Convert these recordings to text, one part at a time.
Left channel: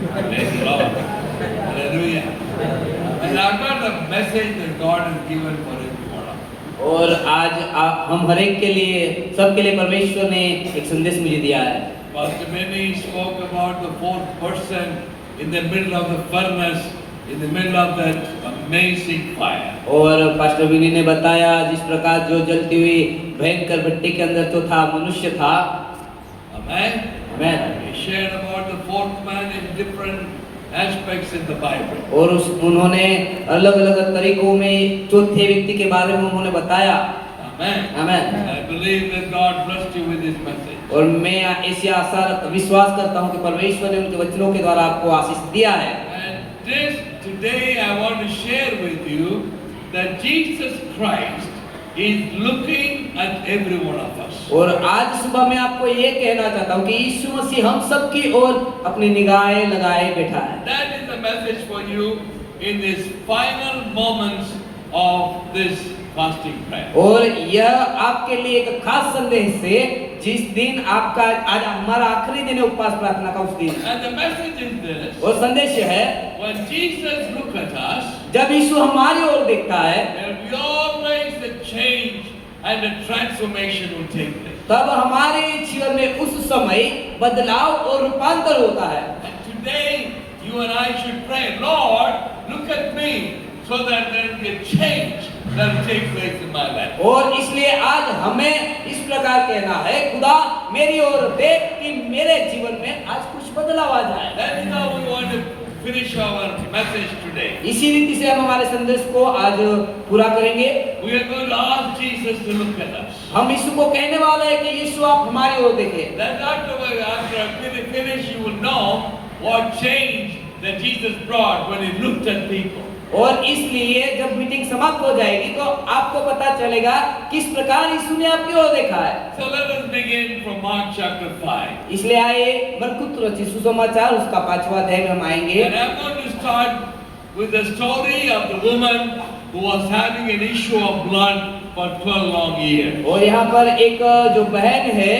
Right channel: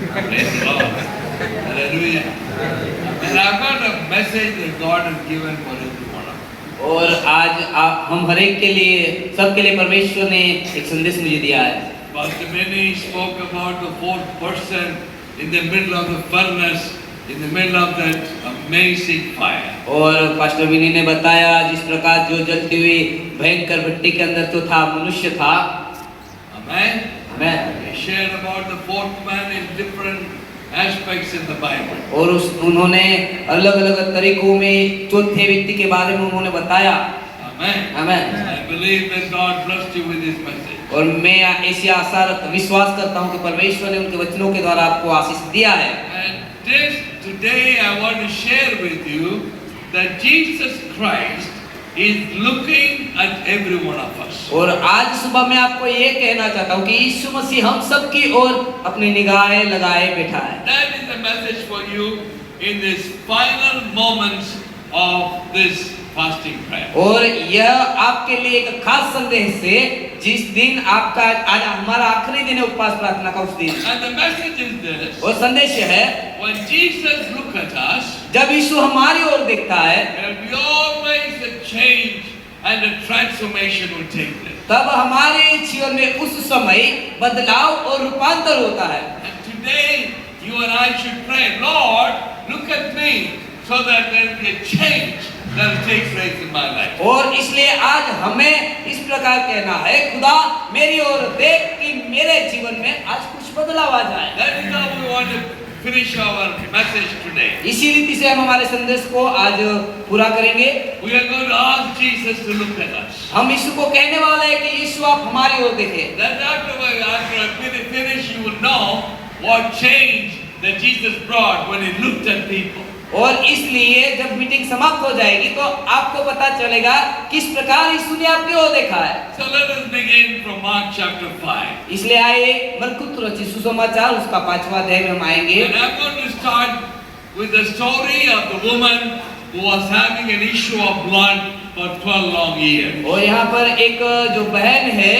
Praise God. Hallelujah. And I've got a message that God has given for every one of us. और आज हम हर एक के लिए, सबके लिए परमेश्वर ने एक संदेश मुझे दिया है। Pastor Benny spoke about the fourth person in the middle of the furnace, in the middle of that amazing fire. और पास्टर विनी ने बताया जिस प्रकार जो जलती हुई भयंकर भट्टी के अंदर जो था मनुष्य था। Amen. Amen. He shared about the fourth man in different aspects in the Bible. और उन्होंने अलग-अलग तरीकों में चौथे व्यक्ति के बारे में उन्होंने बताया। Amen. Amen. I believe that God blessed you with His message. और मैं ऐसी आशा विश्वास करता हूँ कि परमेश्वर ने उनके वचनों के द्वारा आपको आशीष दिया है। And today I want to share with you that Jesus Christ is looking at every one of us. और आज सुबह मैं आपको ये कहना चाहता हूँ कि यीशु मसीह हम सब की ओर अपनी निगाहें लगाए बैठा है। That is the message for you in this final moments of this fasting prayer. और यह आपके लिए एक खास संदेश है जिस दिन आपका आज हमारा आखिरी दिन है उपवास प्रार्थना का उस दिन। And the message is this. और संदेश है When Jesus look at us, जब यीशु हमारी ओर देखता है there will be always a change and a transformation will take place. तब हमारे जीवन में उस समय बदलाव और रूपांतर होता है। And today you and I should pray, Lord, look at me so that there will be a change that takes place in my life. और इसलिए आज हमें इस प्रकार कहना है, खुदा मेरी ओर देख कि मेरे जीवन में आज कुछ बदलाव आ जाए। That is how we want to finish our message today. इसी रीति से हम हमारे संदेश को आज पूरा करेंगे। We are going to ask Jesus to look at us. हम यीशु को कहने वाले हैं कि यीशु आप हमारी ओर देखें। Then after I finish, you will know what change that Jesus brought when He looked at people. और इसलिए जब मीटिंग समाप्त हो जाएगी तो आपको पता चलेगा किस प्रकार यीशु ने आपकी ओर देखा है। So let us begin from Mark chapter 5. इसलिए आइए मरकुस रचित सुसमाचार उसका 5वां अध्याय में हम आएंगे। And I'm going to start with the story of the woman who was having an issue of blood for 12 long years. और यहाँ पर एक जो बहन है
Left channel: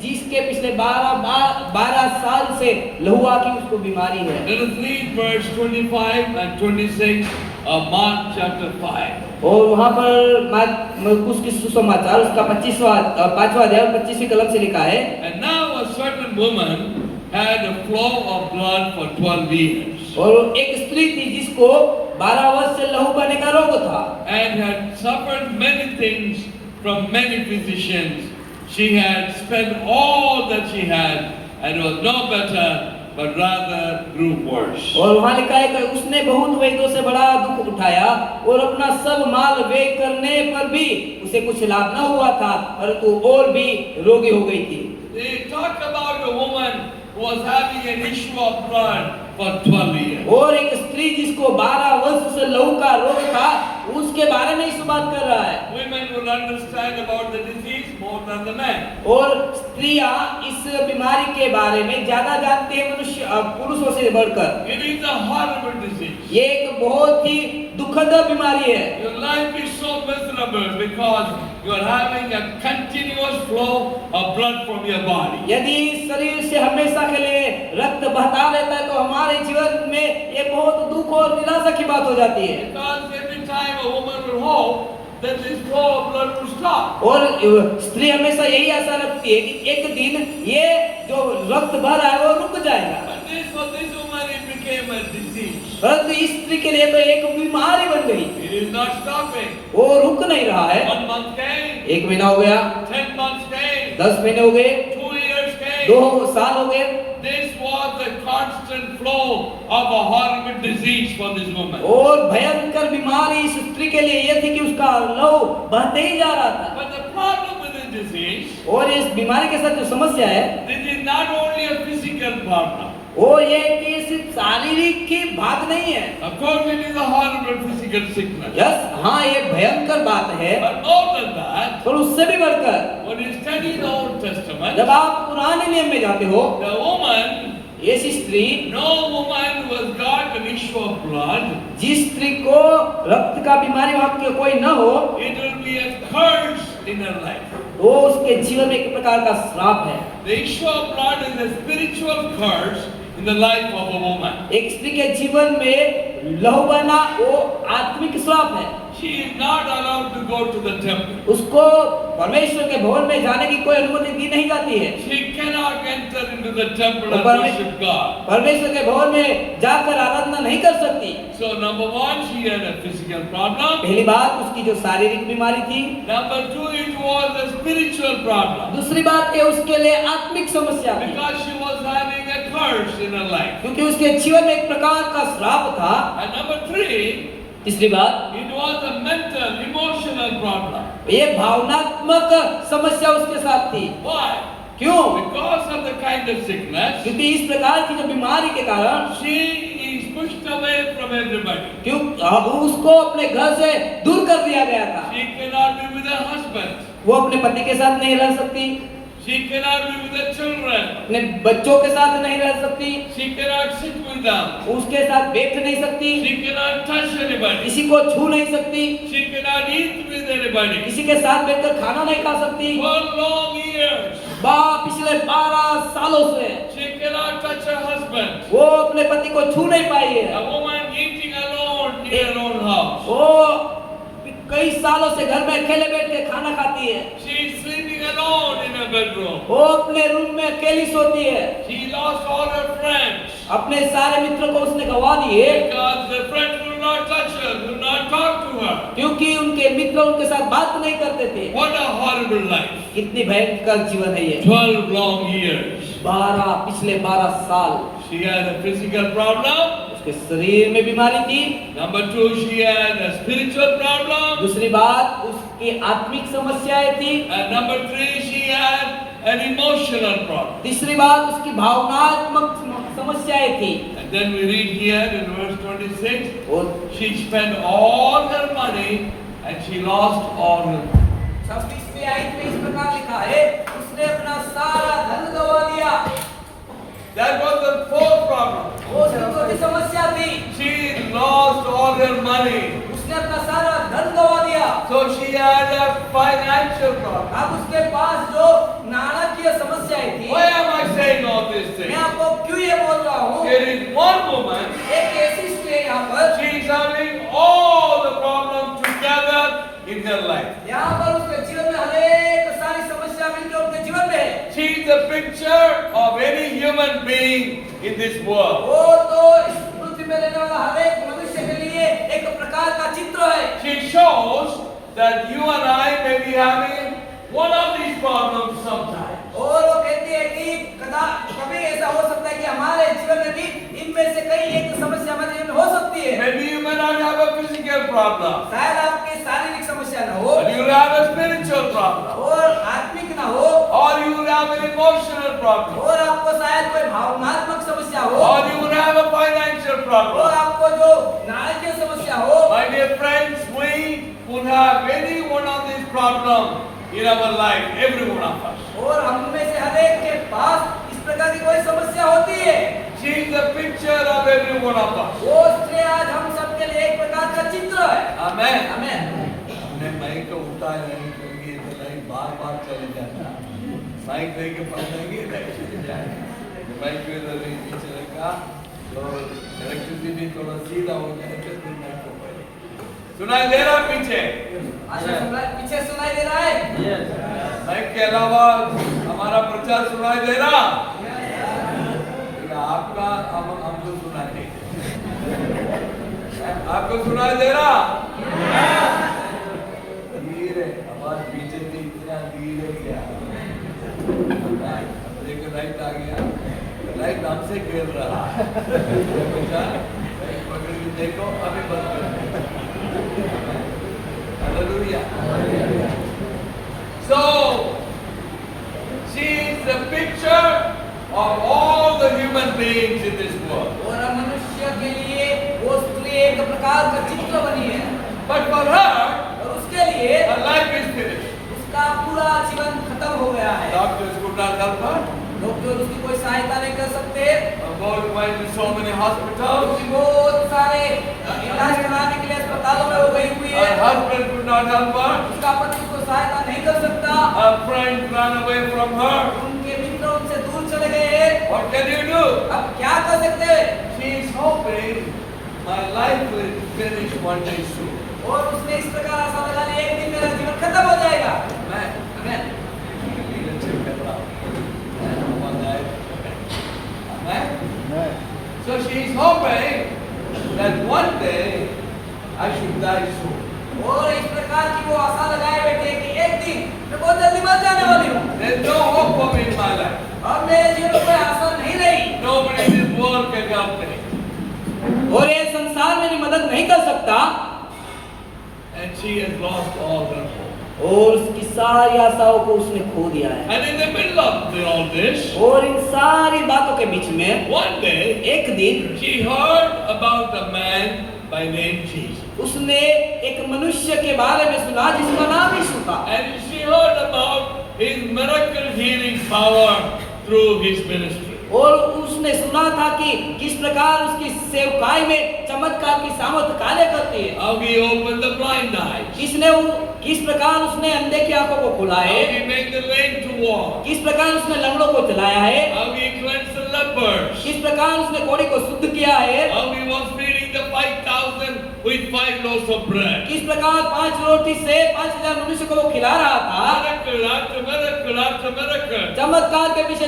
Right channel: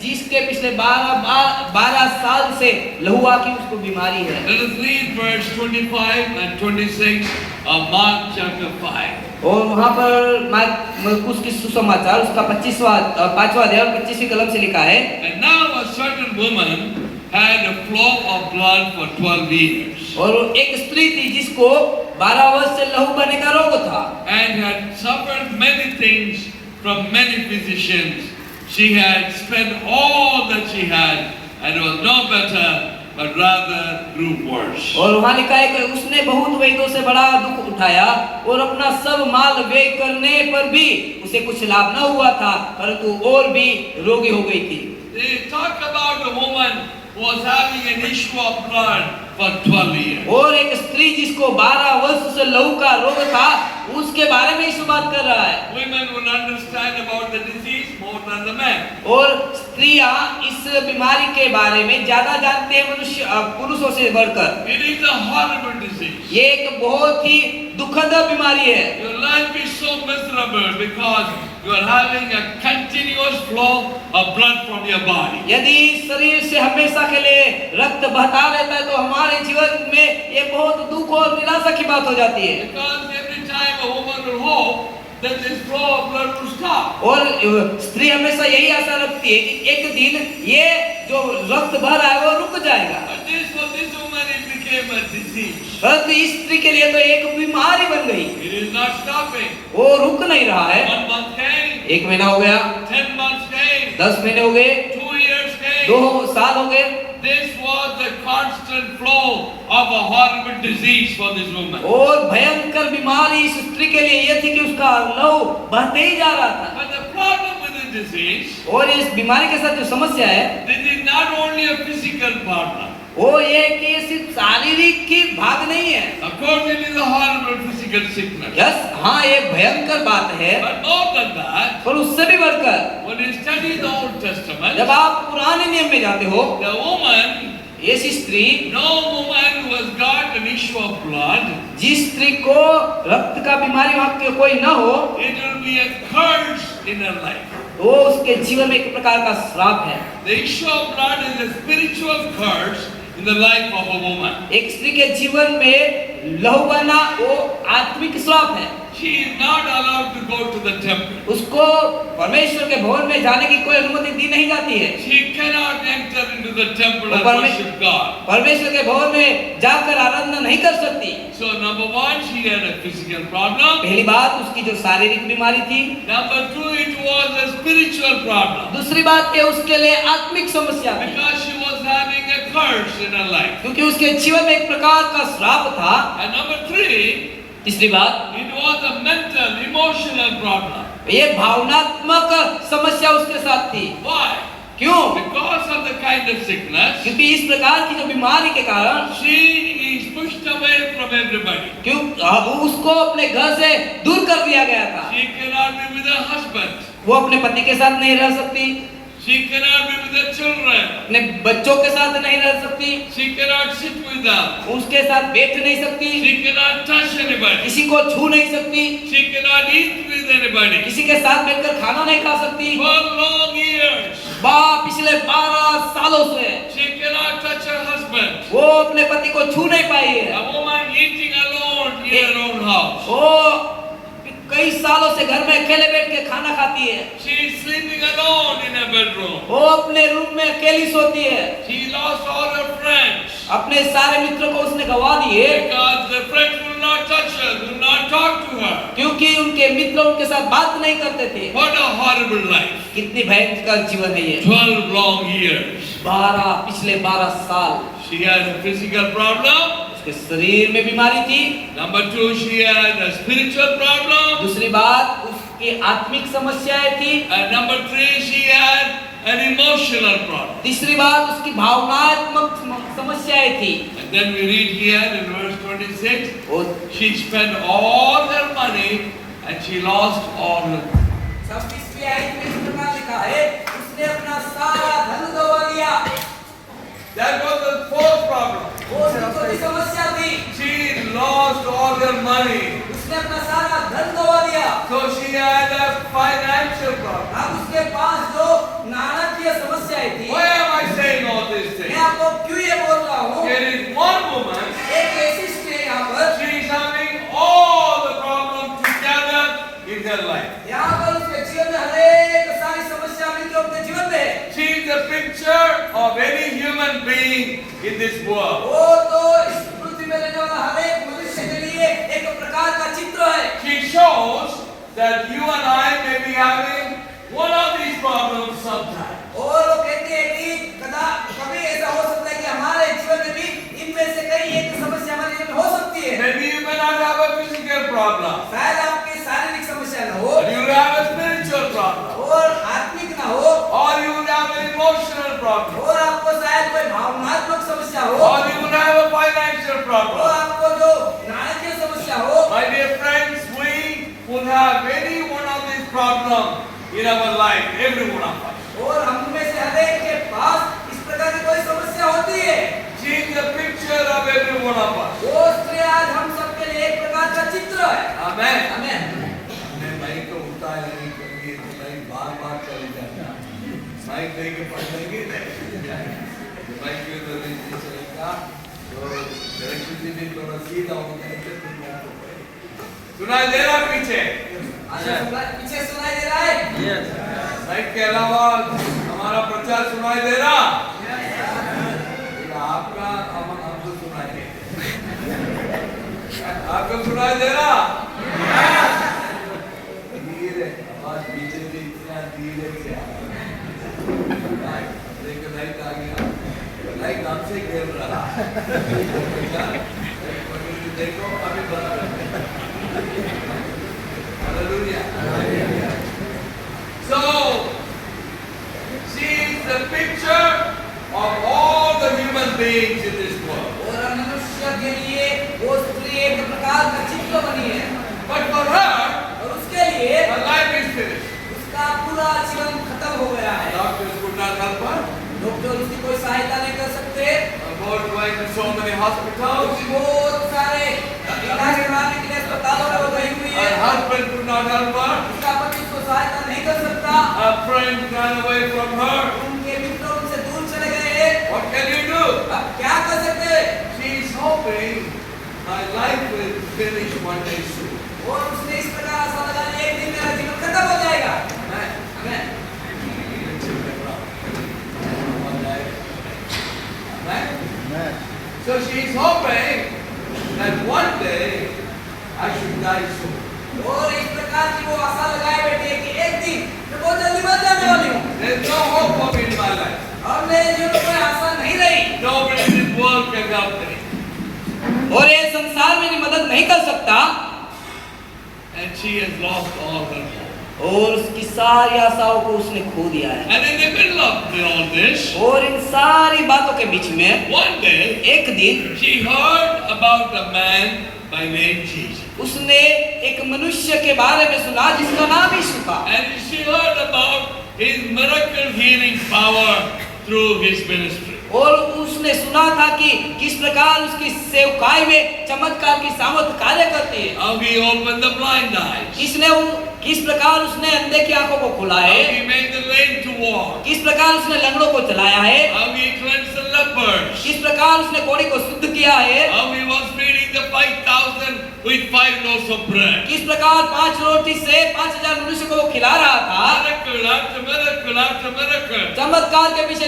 जिसके पिछले 12 साल से लहुआ की उसको बीमारी है। Let us read verse 25 and 26 of Mark chapter 5. और वहाँ पर मरकुस की सुसमाचार उसका 5वां अध्याय और 25वीं कलम से लिखा है। And now a certain woman had a flow of blood for 12 years. और एक स्त्री थी जिसको 12 वर्ष से लहू बहने का रोग था। And had suffered many things from many physicians. She had spent all that she had and was no better, but rather grew worse. और वहाँ लिखा है कि उसने बहुत वैद्यों से बड़ा दुख उठाया और अपना सब माल व्यय करने पर भी उसे कुछ लाभ न हुआ था, परंतु और भी रोगी हो गई थी। They talk about a woman who was having an issue of blood for 12 years. और एक स्त्री जिसको 12 वर्ष से लहू का रोग था उसके बारे में इस बात कर रहा है। Women will understand about the disease more than the men. और स्त्रियां इस बीमारी के बारे में ज्यादा जानते हैं पुरुषों से बढ़कर। It is a horrible disease. ये एक बहुत ही दुखद बीमारी है। Your life is so miserable because you are having a continuous flow of blood from your body. यदि शरीर से हमेशा के लिए रक्त बहता रहता है तो हमारे जीवन में ये बहुत दुख और निराशा की बात हो जाती है। Because every time a woman will hope that this flow of blood will stop. और स्त्री हमेशा यही आशा रखती है कि एक दिन ये जो रक्त बह रहा है वो रुक जाएगा। But for this woman it became a disease. परंतु इस स्त्री के लिए तो एक बीमारी बन गई। It is not stopping. वो रुक नहीं रहा है। 1 month came. 1 महीना हो गया। 10 months came. 10 महीने हो गए। 2 years came. 2 साल हो गए। This was the constant flow of a horrible disease for this woman. और भयंकर बीमारी इस स्त्री के लिए ये थी कि उसका लहू बहते ही जा रहा था। But the problem with this disease, और इस बीमारी के साथ जो समस्या है this is not only a physical problem. वो ये कि सिर्फ शारीरिक की भाग नहीं है। Of course, it is a horrible physical sickness. Yes, हाँ ये भयंकर बात है। But more than that, और उससे भी बढ़कर when you study the Old Testament, जब आप पुराने नियम में जाते हो, the woman, ऐसी स्त्री, no woman who has got an issue of blood, जिस स्त्री को रक्त का बीमारी भाग के कोई न हो, it will be a curse in her life. वो उसके जीवन में एक प्रकार का श्राप है। The issue of blood is a spiritual curse in the life of a woman. एक स्त्री के जीवन में लहू बहना वो आत्मिक श्राप है। She is not allowed to go to the temple. उसको परमेश्वर के भवन में जाने की कोई अनुमति दी नहीं जाती है। She cannot enter into the temple and Parme- worship God. परमेश्वर के भवन में जाकर आराधना नहीं कर सकती। So number one, she had a physical problem. पहली बात उसकी जो शारीरिक बीमारी थी। Number two, it was a spiritual problem. दूसरी बात ये उसके लिए आत्मिक समस्या थी, Because she was having a curse in her life. क्योंकि उसके जीवन में एक प्रकार का श्राप था। And number three, तीसरी बात, it was a mental, emotional problem. ये भावनात्मक समस्या उसके साथ थी। Why? क्यों? Because of the kind of sickness, क्योंकि इस प्रकार की जो बीमारी के कारण she is pushed away from everybody. क्यों उसको अपने घर से दूर कर दिया गया था। She cannot be with her husband. वो अपने पति के साथ नहीं रह सकती, She cannot be with her children. अपने बच्चों के साथ नहीं रह सकती, She cannot sit with them. उसके साथ बैठ नहीं सकती, She cannot touch anybody. किसी को छू नहीं सकती, She cannot eat with anybody. किसी के साथ बैठकर खाना नहीं खा सकती। For long years, पिछले 12 सालों से she cannot touch her husband. वो अपने पति को छू नहीं पाई है। A woman eating alone in her own house. वो कई सालों से घर में अकेले बैठ के खाना खाती है। She is sleeping alone in her bedroom. वो अपने रूम में अकेली सोती है। She lost all her friends. अपने सारे मित्रों को उसने गवा दिए, Because the friends will not touch her, will not talk to her. क्योंकि उनके मित्र उनके साथ बात नहीं करते थे। What a horrible life. कितनी भयंकर जीवन है ये। 12 long years. पिछले 12 साल She had a physical problem. उसके शरीर में बीमारी थी। Number two, she had a spiritual problem. दूसरी बात उसकी आत्मिक समस्याएं थी। And number three, she had an emotional problem. तीसरी बात उसकी भावनात्मक समस्याएं थी। And then we read here in verse 26, और she spent all her money and she lost all her money. 26वीं आयत में इस प्रकार लिखा है, उसने अपना सारा धन गवा लिया। That was the fourth problem. वो उसकी चौथी समस्या थी, She lost all her money. उसने अपना सारा धन गवा दिया। So she had a financial problem. अब उसके पास जो नाणाकीय समस्याएं थी। Why am I saying all these मैं things? आपको क्यों ये बोल रहा हूँ? There is one woman, एक ऐसी स्त्री है यहाँ पर, she is having all the problems together in her life. यहाँ पर उसके जीवन में हरेक सारी समस्या मिलकर उसके जीवन में है। She is the picture of any human being in this world. वो तो इस पृथ्वी में रहने वाला हरेक मनुष्य के लिए एक प्रकार का चित्र है। She shows that you and I may be having one of these problems sometime. और वो कहती है कि कभी ऐसा हो सकता है कि हमारे जीवन में भी इनमें से कई एक समस्या हमारे जीवन में हो सकती है। Maybe you may not have a physical problem, शायद आपकी शारीरिक समस्या न हो, but you will have a spiritual problem, और आत्मिक न हो, or you will have an emotional problem, और आपको शायद कोई भावनात्मक समस्या हो, or you will have a financial और problem. आपको जो नाણાकीय समस्या हो। My dear friends, we will have any one of these problems in our life, every one of us. और हम में से हर एक के पास इस प्रकार की कोई समस्या होती है। She is the picture of every one of us. वो स्त्री आज हम सबके लिए एक प्रकार का चित्र है। Amen. आमीन। मैं माइक को उठाया नहीं करेंगे तो लाइक बार चले जाएगा। माइक लेके पढ़ेंगे नहीं जाएगा। माइक के तो नहीं चलेगा तो इलेक्ट्रिसिटी थोड़ा सीधा हो जाएगा तो माइक को पढ़े। सुनाई दे रहा पीछे? पीछे सुनाई दे रहा है? माइक के अलावा हमारा प्रचार सुनाई दे रहा? आपका हमको सुनाई दे। आपको सुनाई दे रहा? धीरे आवाज पीछे से इतना धीरे से आ रहा है। देखो लाइट आ गया, लाइट हमसे गिर रहा है। देखो अभी बंद कर दे। Hallelujah. So she is the picture of all the human beings in this world. और मनुष्य के लिए वो स्त्री एक प्रकार का चित्र बनी है। But for her, और उसके लिए her life is finished. उसका पूरा जीवन खत्म हो गया है। Doctors could not help her. Doctor उसकी कोई सहायता नहीं कर सकते। Going to so many hospitals. उसकी बहुत सारे इलाज कराने के लिए अस्पतालों में वो गई हुई Her है। husband could not help her. उसका पति उसको सहायता नहीं कर सकता। Her friends ran away from her. उनके मित्र उनसे दूर चले गए। What can you do? अब क्या कर सकते हैं? She is hoping my life will finish one day soon. और उसने इस प्रकार आशा लगा ली, एक दिन मेरा जीवन खत्म हो जाएगा। आमेन। So she is hoping that one day I should die soon. और इस प्रकार की वो आशा लगाए बैठे कि एक दिन मैं बहुत जल्दी मर जाने वाली हूँ। There is no hope for me in my life. अब मेरे जीवन में कोई आशा नहीं रही। Nobody in this world can help me. और ये संसार मेरी मदद नहीं कर सकता। And she has lost all her hope. और उसकी सारी आशाओं को उसने खो दिया है। And in the middle of all this, और इन सारी बातों के बीच में one day एक दिन she heard about a man by name Jesus. उसने एक मनुष्य के बारे में सुना जिसका नाम यीशु था। And she heard about his miracle healing power through his ministry. और उसने सुना था कि किस प्रकार उसकी सेवकाई में चमत्कार की सामर्थ कार्य करती है। How he opened the blind eyes. किस प्रकार उसने अंधे की आंखों को खुला How है। he made the lame to walk. किस प्रकार उसने लंगड़ों को चलाया है। How he cleansed the lepers. किस प्रकार उसने कोढ़ी को शुद्ध किया है। How he was feeding the 5,000 with 5 loaves of bread. किस प्रकार 5 रोटी से 5,000 मनुष्य को वो खिला रहा था। Miracle after miracle after miracle. चमत्कार के पीछे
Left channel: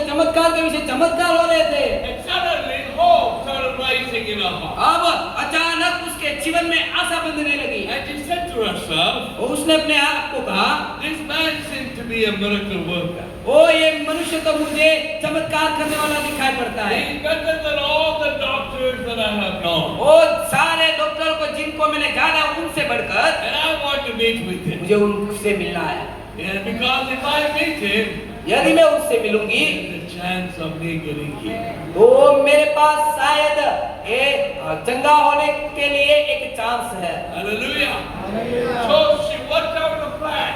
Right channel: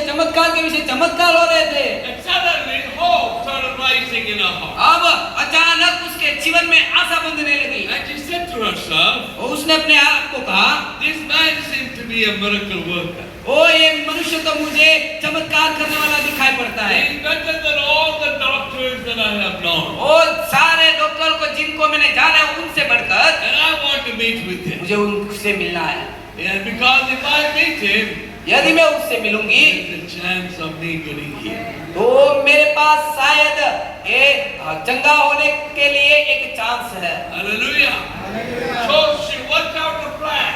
चमत्कार हो रहे थे। And suddenly hope started rising in her heart. अब अचानक उसके जीवन में आशा बंधने लगी। And she said to herself, और उसने अपने आप को कहा, this man seems to be a miracle worker. ओ ये मनुष्य तो मुझे चमत्कार करने वाला दिखाई पड़ता है। He's better than all the doctors that I have known. और सारे डॉक्टर को जिनको मैंने जाना है उनसे बढ़कर And I want to meet with him. मुझे उनसे मिलना है। And because if I meet him, यदि मैं उससे मिलूंगी there's a chance of me getting healed. तो मेरे पास शायद ये चंगा होने के लिए एक चांस है। Hallelujah. So she worked out a plan.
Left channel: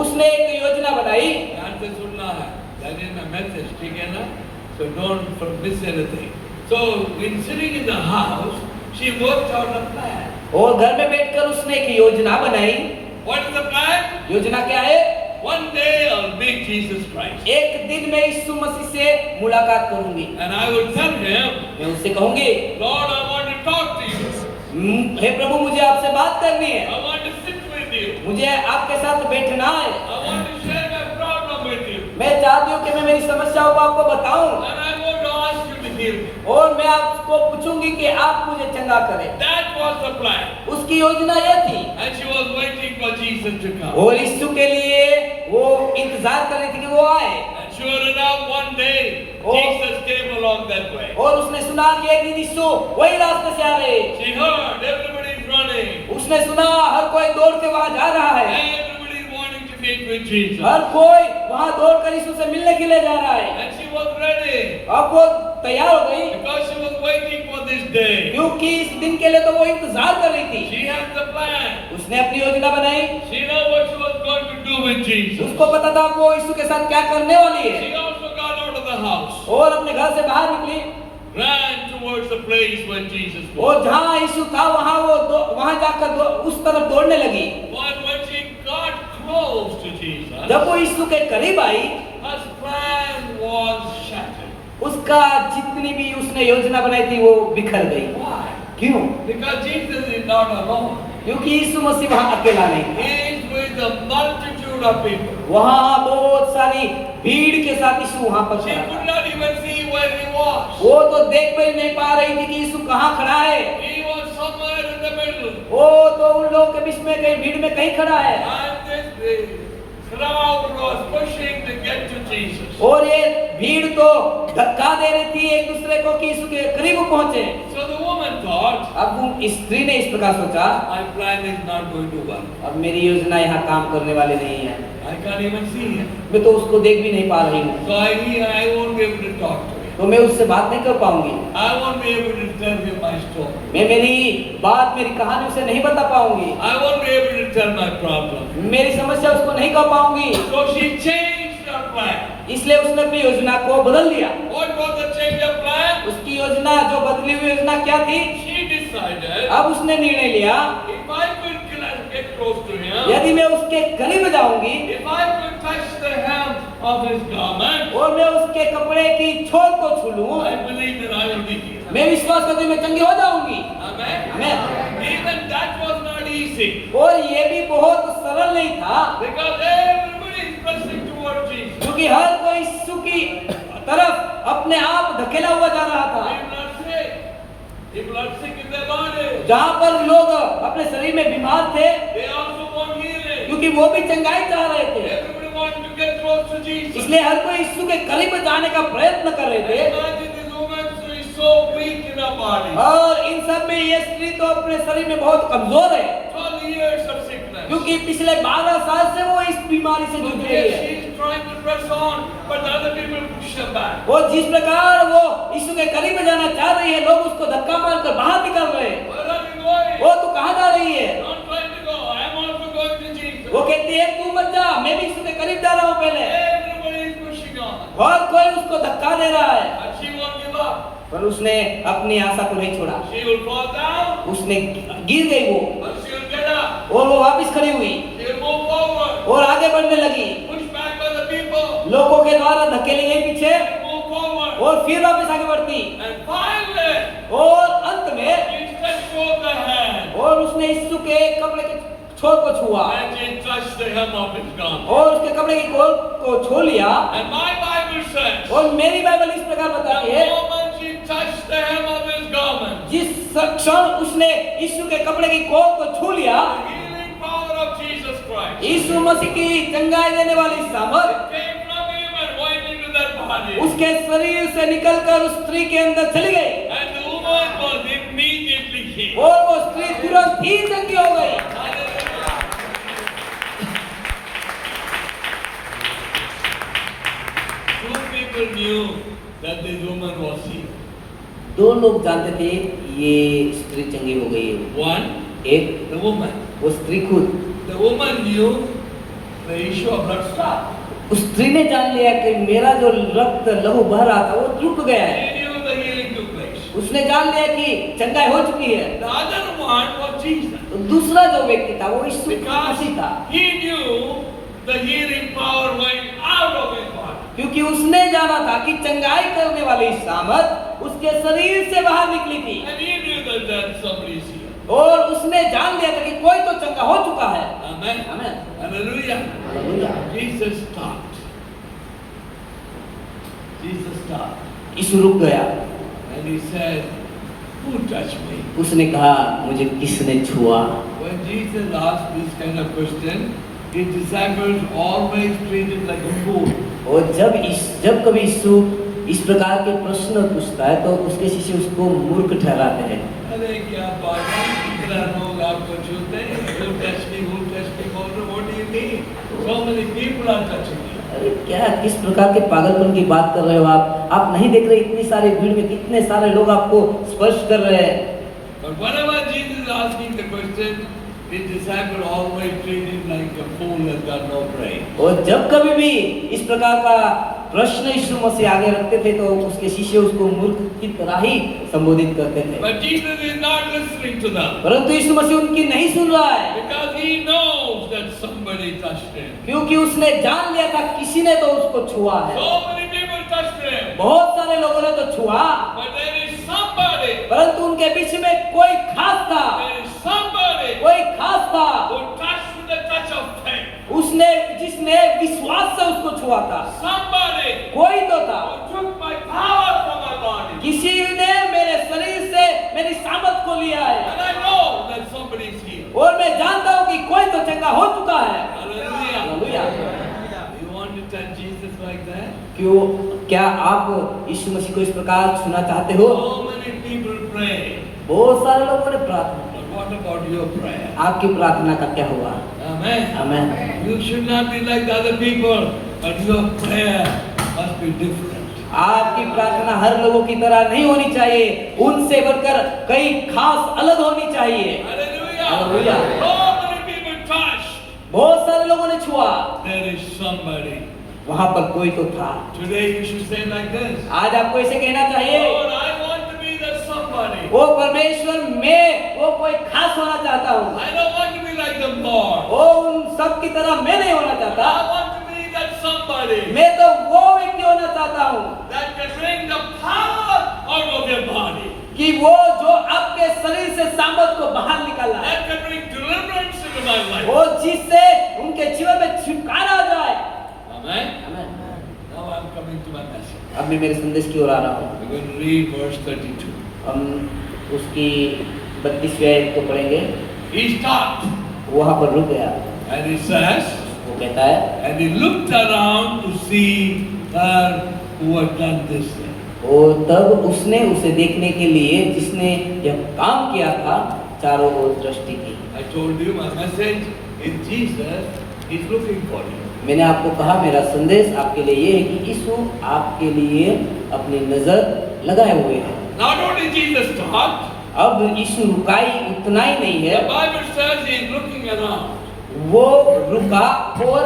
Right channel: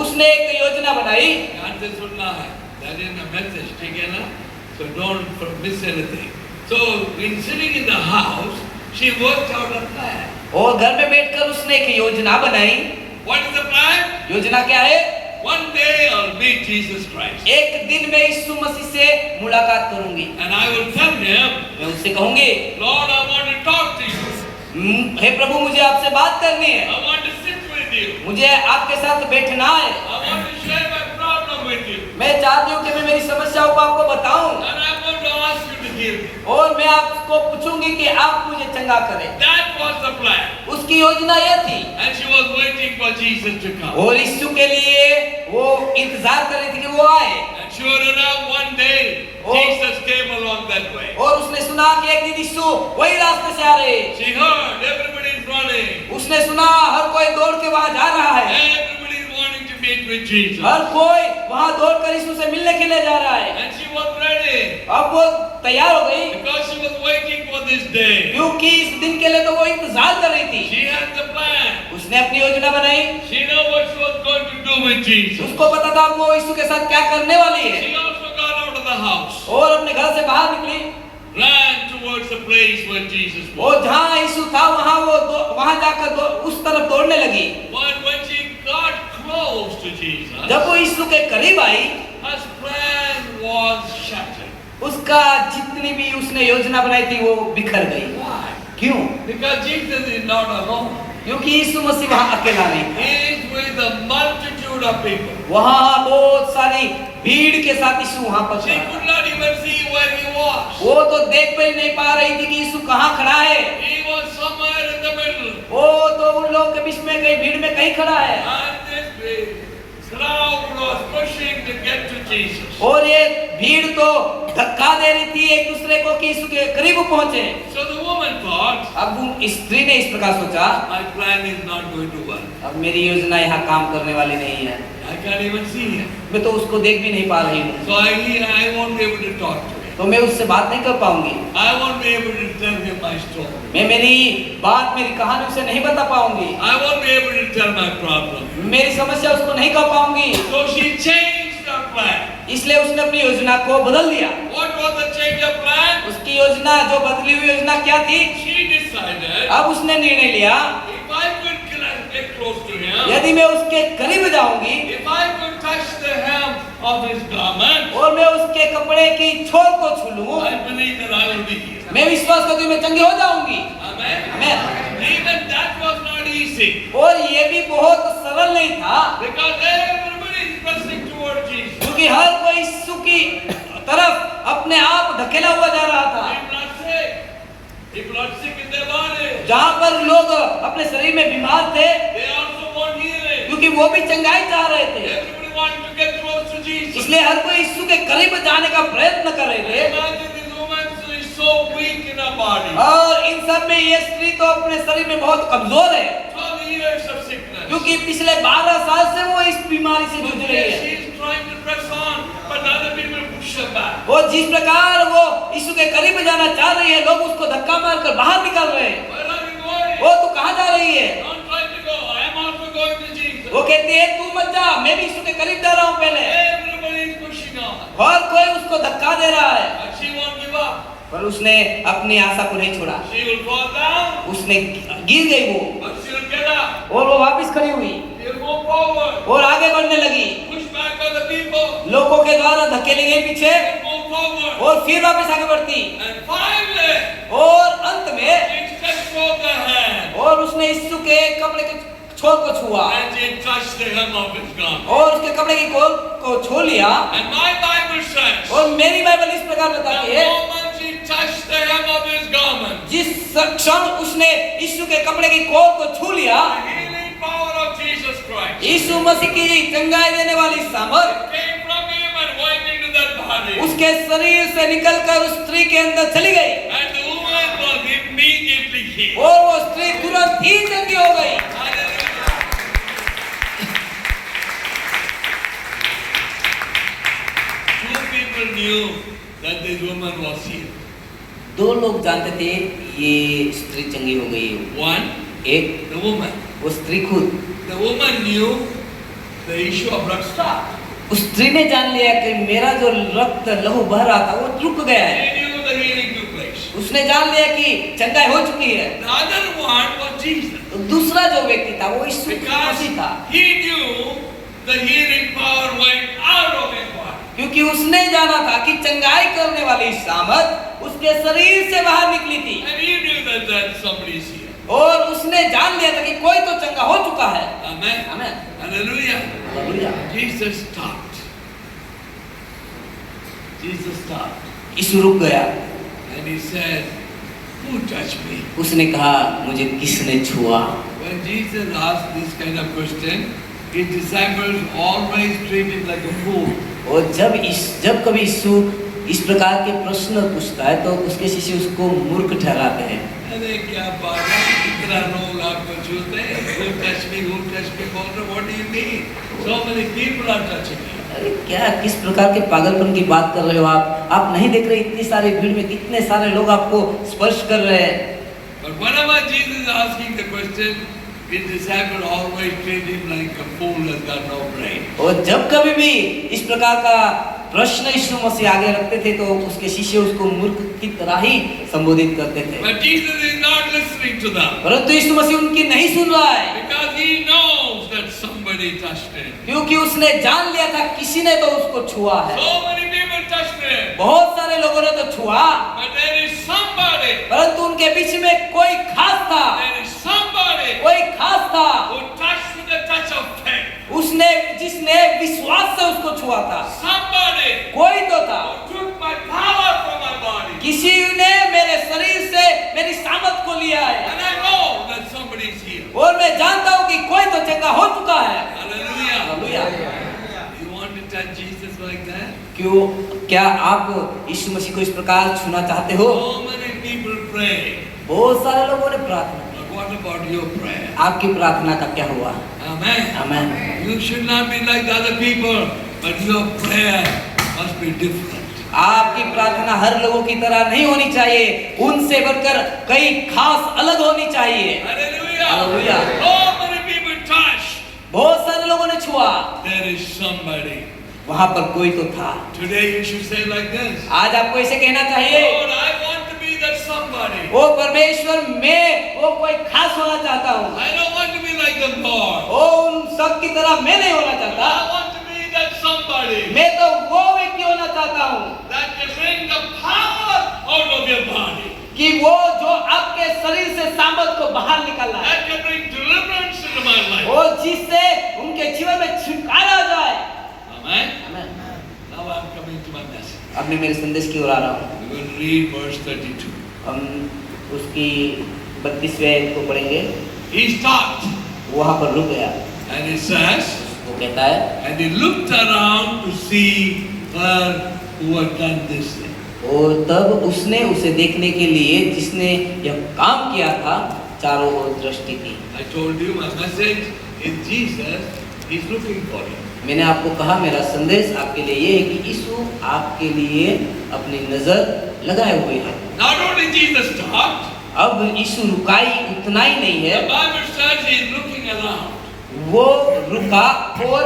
उसने एक योजना बनाई। ध्यान से सुनना है. That is a message, ठीक है ना? So don't miss anything. So in sitting in the house, she worked out a plan. और घर में बैठकर उसने एक योजना बनाई। What is the plan? योजना क्या है? One day I'll meet Jesus Christ. एक दिन मैं यीशु मसीह से मुलाकात करूंगी। And I will tell him, मैं उससे कहूंगी, Lord, I want to talk to you. हे प्रभु मुझे आपसे बात करनी है। I want to sit with you. मुझे आपके साथ बैठना है। I want to share my problem with you. मैं चाहती हूँ कि मैं मेरी समस्याओं को आपको बताऊं। And I want to ask you to heal me. और मैं आपको पूछूंगी कि आप मुझे चंगा करें। That was the plan. उसकी योजना ये थी। And she was waiting for Jesus to come. और यीशु के लिए वो इंतजार कर रही थी कि वो आए। And sure enough, one day, Oh. Jesus came along that way. और उसने सुना कि एक दिन यीशु वही रास्ते से आ रहे। She heard everybody is running. उसने सुना हर कोई दौड़ के वहां जा रहा है। Everybody is wanting to meet with Jesus. हर कोई वहां दौड़कर यीशु से मिलने के लिए जा रहा है। And she was ready अब वो तैयार हो गई because she was waiting for this day. क्योंकि इस दिन के लिए तो वो इंतजार कर रही थी। She had the plan. उसने अपनी योजना बनाई। She knew what she was going to do with Jesus. उसको पता था वो यीशु के साथ क्या करने वाली है। She also got out of the house, और अपने घर से बाहर निकली। ran towards the place where Jesus was. और जहाँ यीशु था वहां जाकर उस तरफ दौड़ने लगी। When she got close to Jesus, जब वो यीशु के करीब आई, her plan was shattered. उसका जितनी भी उसने योजना बनाई थी वो बिखर गई। Why? क्यों? Because Jesus is not alone. क्योंकि यीशु मसीह वहाँ अकेला नहीं। He is with a multitude of people. वहाँ बहुत सारी भीड़ के साथ यीशु वहाँ पर She था। could not even see where he was. वो तो देख भी नहीं पा रही थी कि यीशु कहाँ खड़ा है। He was somewhere in the middle. वो तो उन लोगों के बीच में कहीं भीड़ में कहीं खड़ा है। And this crowd was pushing to get to Jesus. और ये भीड़ तो धक्का दे रही थी एक दूसरे को कि यीशु के करीब पहुंचे। So the woman thought, अब वो स्त्री ने इस प्रकार सोचा, my plan is not going to work. अब मेरी योजना यहाँ काम करने वाली नहीं है। I can't even see him. मैं तो उसको देख भी नहीं पा रही हूँ। So I won't be able to talk to him. तो मैं उससे बात नहीं कर पाऊंगी। I won't be able to tell him my story. मैं मेरी कहानी उसे नहीं बता पाऊंगी। I won't be able to tell my problem. मेरी समस्या उसको नहीं कह पाऊंगी। So she changed her plan. इसलिए उसने अपनी योजना को बदल दिया। What was the change of plan? उसकी योजना जो बदली हुई योजना क्या थी? She decided, अब उसने निर्णय लिया, if I could get close to him, यदि मैं उसके करीब जाऊंगी, if I could touch the hem of his garment, और मैं उसके कपड़े की छोर को छू लूं, I believe that I will be healed. मैं विश्वास करती हूँ मैं चंगी हो जाऊंगी। Amen. Even that was not easy, और ये भी बहुत सरल नहीं था, because everybody is pressing toward Jesus. क्योंकि हर कोई यीशु की तरफ अपने आप धकेला हुआ जा रहा था। People are sick in their body. जहाँ पर लोग अपने शरीर में बीमार थे, They also want healing. क्योंकि वो भी चंगाई चाह रहे थे, Everybody wants to get close to Jesus. इसलिए हर कोई यीशु के करीब जाने का प्रयत्न कर रहे थे। Imagine this woman is so weak in her body. और इन सब में ये स्त्री तो अपने शरीर में बहुत कमजोर है, 12 years of sickness. क्योंकि पिछले 12 साल से वो इस बीमारी से जूझ रही Yes, है। she is trying to press on, but other people push her back. वो जिस प्रकार वो यीशु के करीब जाना चाह रही है, लोग उसको धक्का मारकर बाहर निकाल रहे हैं। Where are you going? वो तो कहाँ जा रही है? Don't try to go. I am also going to Jesus. वो कहती है तू मत जा, मैं भी यीशु के करीब जा रहा हूँ पहले। Everybody is pushing on. और कोई उसको धक्का दे रहा है, But she won't give up. पर उसने अपनी आशा को नहीं छोड़ा। She will fall down, उसने गिर गई वो, but she will get up. और वो वापस खड़ी हुई She will move forward. और आगे बढ़ने लगी। Pushed back by the people. लोगों के द्वारा धकेली गई पीछे Move forward. और फिर वापस आगे बढ़ती, And finally, और अंत में she stretched forth her hand. और उसने यीशु के कपड़े के छोर को छुआ And she touched the hem of his garment. और उसके कपड़े की कोर को छू लिया। And my Bible says, और मेरी बाइबल इस प्रकार the बताती है, moment she touched the hem of his garment, जिस क्षण उसने यीशु के कपड़े की कोर को छू लिया, the healing power of Jesus Christ यीशु मसीह की चंगाई देने वाली सामर्थ came from him and went into that body. उसके शरीर से निकलकर उस स्त्री के अंदर चली गई And the woman was immediately healed. और वो स्त्री तुरंत ही चंगी हो गई। Hallelujah. Two people knew that this woman was healed. दो लोग जानते थे ये स्त्री चंगी हो गई है। One, एक the woman. वो स्त्री खुद, The woman knew the issue of blood stopped. उस स्त्री ने जान लिया कि मेरा जो रक्त लहू बह रहा था वो रुक गया है। She knew the healing took place. उसने जान लिया कि चंगाई हो चुकी है। The other one was Jesus. दूसरा जो व्यक्ति था वो यीशु Because मसीह था, he knew the healing power went out of his body. क्योंकि उसने जाना था कि चंगाई करने वाली सामर्थ उसके शरीर से बाहर निकली थी And he knew that somebody is here. और उसने जान लिया था कि कोई तो चंगा हो चुका है। Amen. आमीन। Hallelujah. Hallelujah. Jesus stopped. Jesus stopped. यीशु रुक गया, And he said, who touched me? उसने कहा मुझे किसने छुआ। When Jesus asked this kind of question, his disciples always treated like a fool. और जब कभी यीशु इस प्रकार के प्रश्न पूछता है तो उसके शिष्य उसको मूर्ख ठहराते हैं। अरे क्या बात है, इतना लोग आपको छूते हैं, who touched me, बोल रहे, what do you mean? So many people are touching me. अरे क्या किस प्रकार के पागलपन की बात कर रहे हो आप नहीं देख रहे इतनी सारी भीड़ में कितने सारे लोग आपको स्पर्श कर रहे हैं। But whenever Jesus is asking the question, his disciple always treat him like a fool who has got no brain. और जब कभी भी इस प्रकार का प्रश्न यीशु मसीह आगे रखते थे तो उसके शिष्य उसको मूर्ख की तरह ही संबोधित करते थे। But Jesus is not listening to them परंतु यीशु मसीह उनकी नहीं सुन रहा है, because he knows that somebody touched him. क्योंकि उसने जान लिया था किसी ने तो उसको छुआ है। So many people touched him, बहुत सारे लोगों ने तो छुआ, but there is somebody, परंतु उनके बीच में कोई खास था, there is somebody कोई खास था who touched with the touch of faith. उसने जिसने विश्वास से उसको छुआ था। Somebody कोई तो था, who took my power from my body. किसी ने मेरे शरीर से मेरी सामर्थ को लिया है And I know that somebody is here. और मैं जानता हूँ कि कोई तो चंगा हो चुका है। Hallelujah. Hallelujah. You want to touch Jesus like that? क्यों क्या आप यीशु मसीह को इस प्रकार छूना चाहते हो? So many people pray. बहुत सारे लोगों ने प्रार्थना, But what about your prayer? आपकी प्रार्थना का क्या हुआ? Amen. आमीन। You should not be like the other people, but your prayer must be different. आपकी प्रार्थना हर लोगों की तरह नहीं होनी चाहिए, उनसे बढ़कर कई खास अलग होनी चाहिए। Hallelujah. Hallelujah. So many people touch. बहुत सारे लोगों ने छुआ, There is somebody. वहां पर कोई तो था। Today you should say like this. आज आपको ऐसे कहना चाहिए, Lord, I want to be that somebody. ओ परमेश्वर मैं वो कोई खास होना चाहता हूँ, I don't want to be like the Lord. ओ उन सब की तरह मैं नहीं होना चाहता, I want to be that somebody somebody मैं तो वो व्यक्ति होना चाहता हूँ that can bring the power out of your body, कि वो जो आपके शरीर से सामर्थ को बाहर निकाला है, that can bring deliverance into my life. वो जिससे उनके जीवन में छुटकारा आ जाए। Amen. Now I'm coming to my message. अब मैं मेरे संदेश की ओर आ रहा हूँ। We're going to read verse 32. हम उसकी 32वें आयत को पढ़ेंगे। He stopped वहाँ पर रुक गया। and he says, वो कहता है, and he looked around to see her who had done this thing. और तब उसने उसे देखने के लिए जिसने यह काम किया था चारों ओर दृष्टि की। I told you my message is Jesus. He's looking for you. मैंने आपको कहा मेरा संदेश आपके लिए ये है कि यीशु आपके लिए अपनी नजर लगाए हुए हैं। Not only Jesus stopped, अब यीशु रुकाई उतना ही नहीं the है, Bible says he's looking around. वो रुका और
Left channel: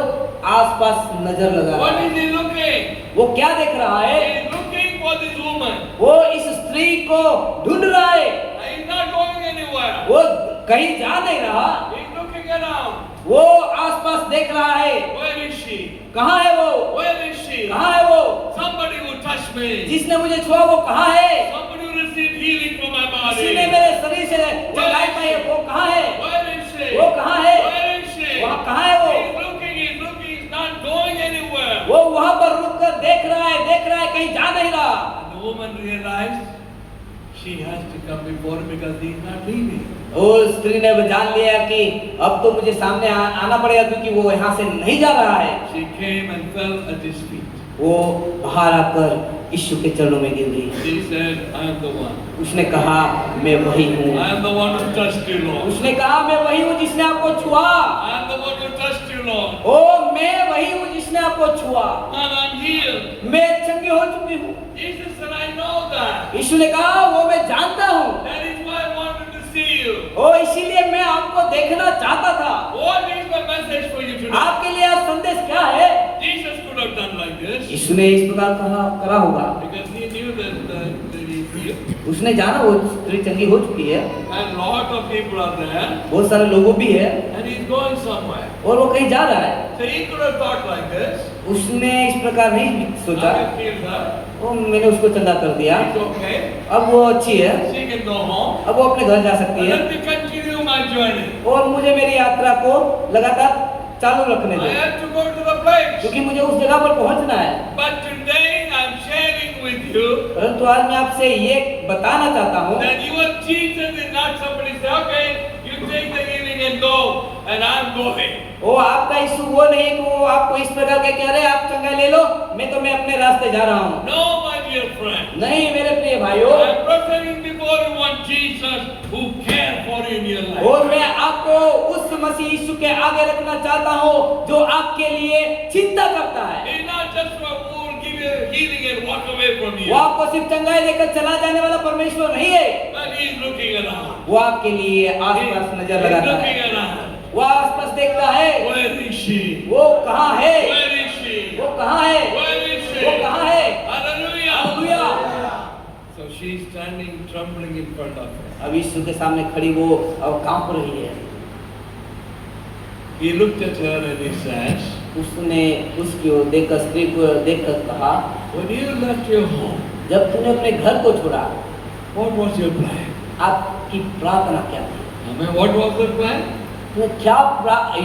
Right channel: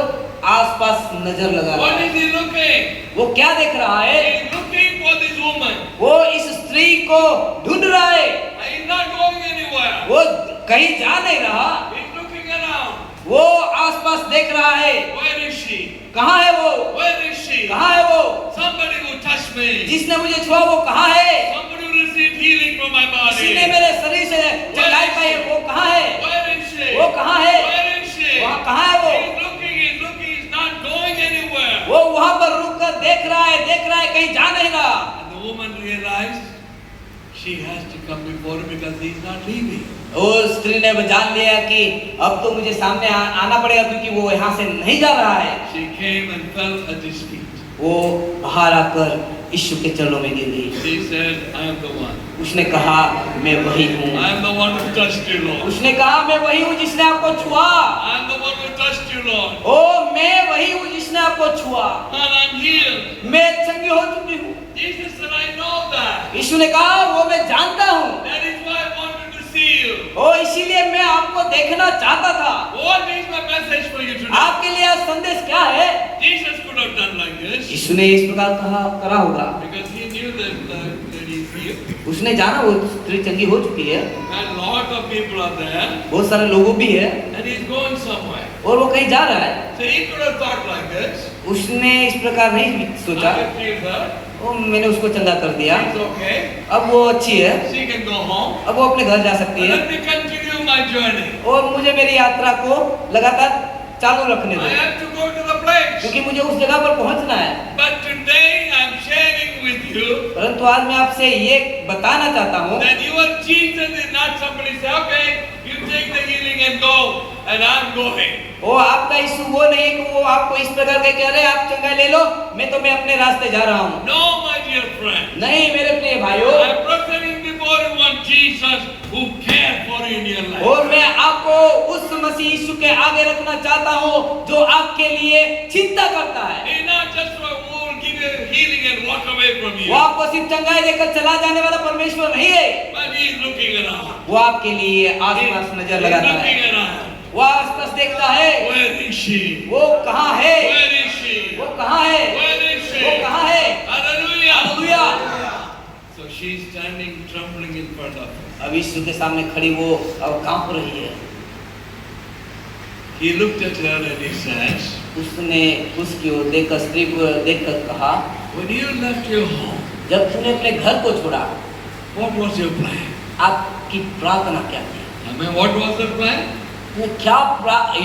आसपास नजर लगा रहा What है। is he looking? वो क्या देख रहा है? He's looking for this woman. वो इस स्त्री को ढूंढ रहा है। He's not going anywhere. वो कहीं जा नहीं रहा, He's looking around. वो आसपास देख रहा है। Where is she? कहाँ है वो? Where is she? कहाँ है वो? Somebody who touched me. जिसने मुझे छुआ वो कहाँ है? Somebody who received healing from my किसी ने body. मेरे शरीर से चढ़ाई पाई, वो कहाँ है? Where is she? वो कहाँ है? Where is she? वहाँ कहाँ है वो? He's looking, he's not going anywhere. वो वहाँ पर रुक कर देख रहा है, कहीं जा नहीं रहा। And the woman realized she has to come before him because he's not leaving. और स्त्री ने जान लिया कि अब तो मुझे सामने आना पड़ेगा क्योंकि वो यहाँ से नहीं जा रहा है। She came and fell at his feet. वो बाहर आकर यीशु के चरणों में गिर गई। She said, I am the one. उसने कहा मैं वही हूँ। I am the one who touched you, Lord. उसने कहा मैं वही हूँ जिसने आपको छुआ। I am the one who touched you, Lord. ओ मैं वही हूँ जिसने आपको छुआ। And I'm healed. मैं चंगी हो चुकी हूँ। Jesus said, I know that. यीशु ने कहा वो मैं जानता हूँ। That is why I wanted to see you. ओ इसीलिए मैं आपको देखना चाहता था। What is my message for you today? आपके लिए आज संदेश क्या है? Jesus could have done like this यीशु ने इस प्रकार करा होगा because he knew that he's healed. उसने जाना वो स्त्री चंगी हो चुकी है, And lot of people are there बहुत सारे लोगों भी है and he's going somewhere. और वो कहीं जा रहा है। So he could have thought like this. उसने इस प्रकार नहीं सोचा, I can feel her. वो मैंने उसको चंगा कर दिया, It's okay. अब वो अच्छी है, She can go home. अब वो अपने घर जा सकती है Let me continue my journey. और मुझे मेरी यात्रा को लगातार चालू रखने I दो have to go to the place. क्योंकि मुझे उस जगह पर पहुंचना है। But today I'm sharing with you परंतु आज मैं आपसे ये बताना चाहता हूँ that your Jesus is not somebody say, okay, you take the healing and go, and I'm going. वो आपका यीशु वो नहीं है कि वो आपको इस प्रकार का कह रहे आप चंगा ले लो, मैं अपने रास्ते जा रहा हूँ। No, my dear friend. नहीं मेरे प्रिय भाइयों, I'm presenting before you one Jesus who cares for you in your life. और मैं आपको उस मसीह यीशु के आगे रखना चाहता हूँ जो आपके लिए चिंता करता है। He's not just one who will give you healing and walk away from you. वो आपको सिर्फ चंगाई देकर चला जाने वाला परमेश्वर नहीं है, But he's looking around. वो आपके लिए आसपास नजर He's लगाता looking है, around. वो आसपास देखता है। Where is she? वो कहाँ है? Where is she? वो कहाँ है? Where is she? वो कहाँ है? Hallelujah. Hallelujah. So she's standing trembling in front of him. अब यीशु के सामने खड़ी वो अब कांप रही है। He looked at her and he says, उसने उसकी ओर देखकर स्त्री को देखकर कहा, when you left your home, जब तूने अपने घर को छोड़ा, what was your plan? आपकी प्रार्थना क्या थी? I mean, what was the plan? तूने क्या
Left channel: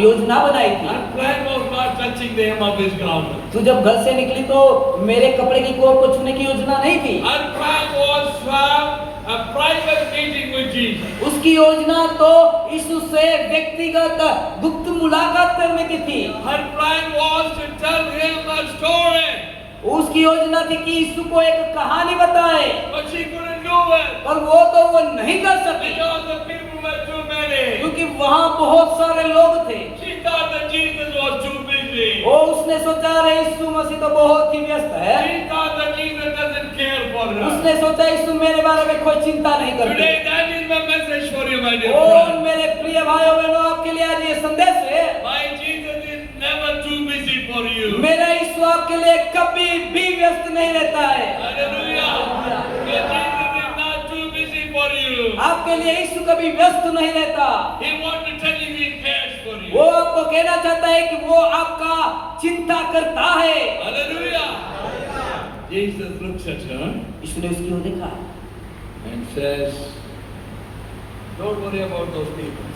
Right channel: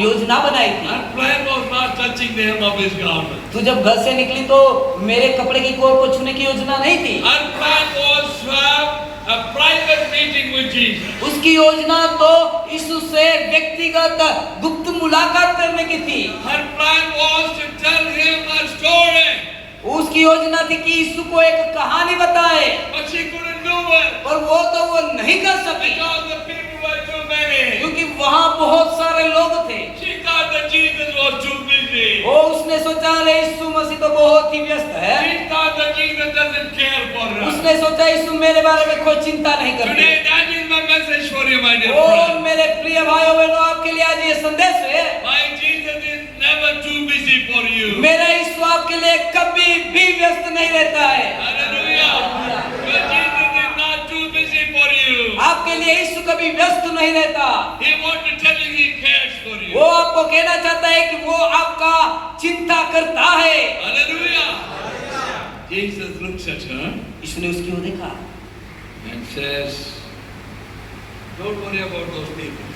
योजना बनाई थी? Her plan was not touching the hem of his garment. तू जब घर से निकली तो मेरे कपड़े की कोर को छूने की योजना नहीं थी। Her plan was to have a private meeting with Jesus. उसकी योजना तो यीशु से व्यक्तिगत गुप्त मुलाकात करने की थी। Her plan was to tell him a story. उसकी योजना थी कि यीशु को एक कहानी बताए, But she couldn't do it और वो नहीं कर सकी because the people were too many. क्योंकि वहाँ बहुत सारे लोग थे। She thought that Jesus was too busy. वो उसने सोचा रे यीशु मसीह तो बहुत ही व्यस्त है। She thought that Jesus doesn't care for her. उसने सोचा यीशु मेरे बारे में कोई चिंता नहीं करते। Today, that is my message for you, my dear O friend. मेरे प्रिय भाइयों बहनों, आपके लिए आज ये संदेश है, My Jesus is never too busy for you. मेरा यीशु आपके लिए कभी भी व्यस्त नहीं रहता है। Hallelujah. Your Jesus is not too busy for you. आपके लिए यीशु कभी व्यस्त नहीं रहता। He wants to tell you He cares for you. वो आपको कहना चाहता है कि वो आपका चिंता करता है। Hallelujah. Jesus looks at her यीशु ने उसकी ओर देखा and says, don't worry about those people.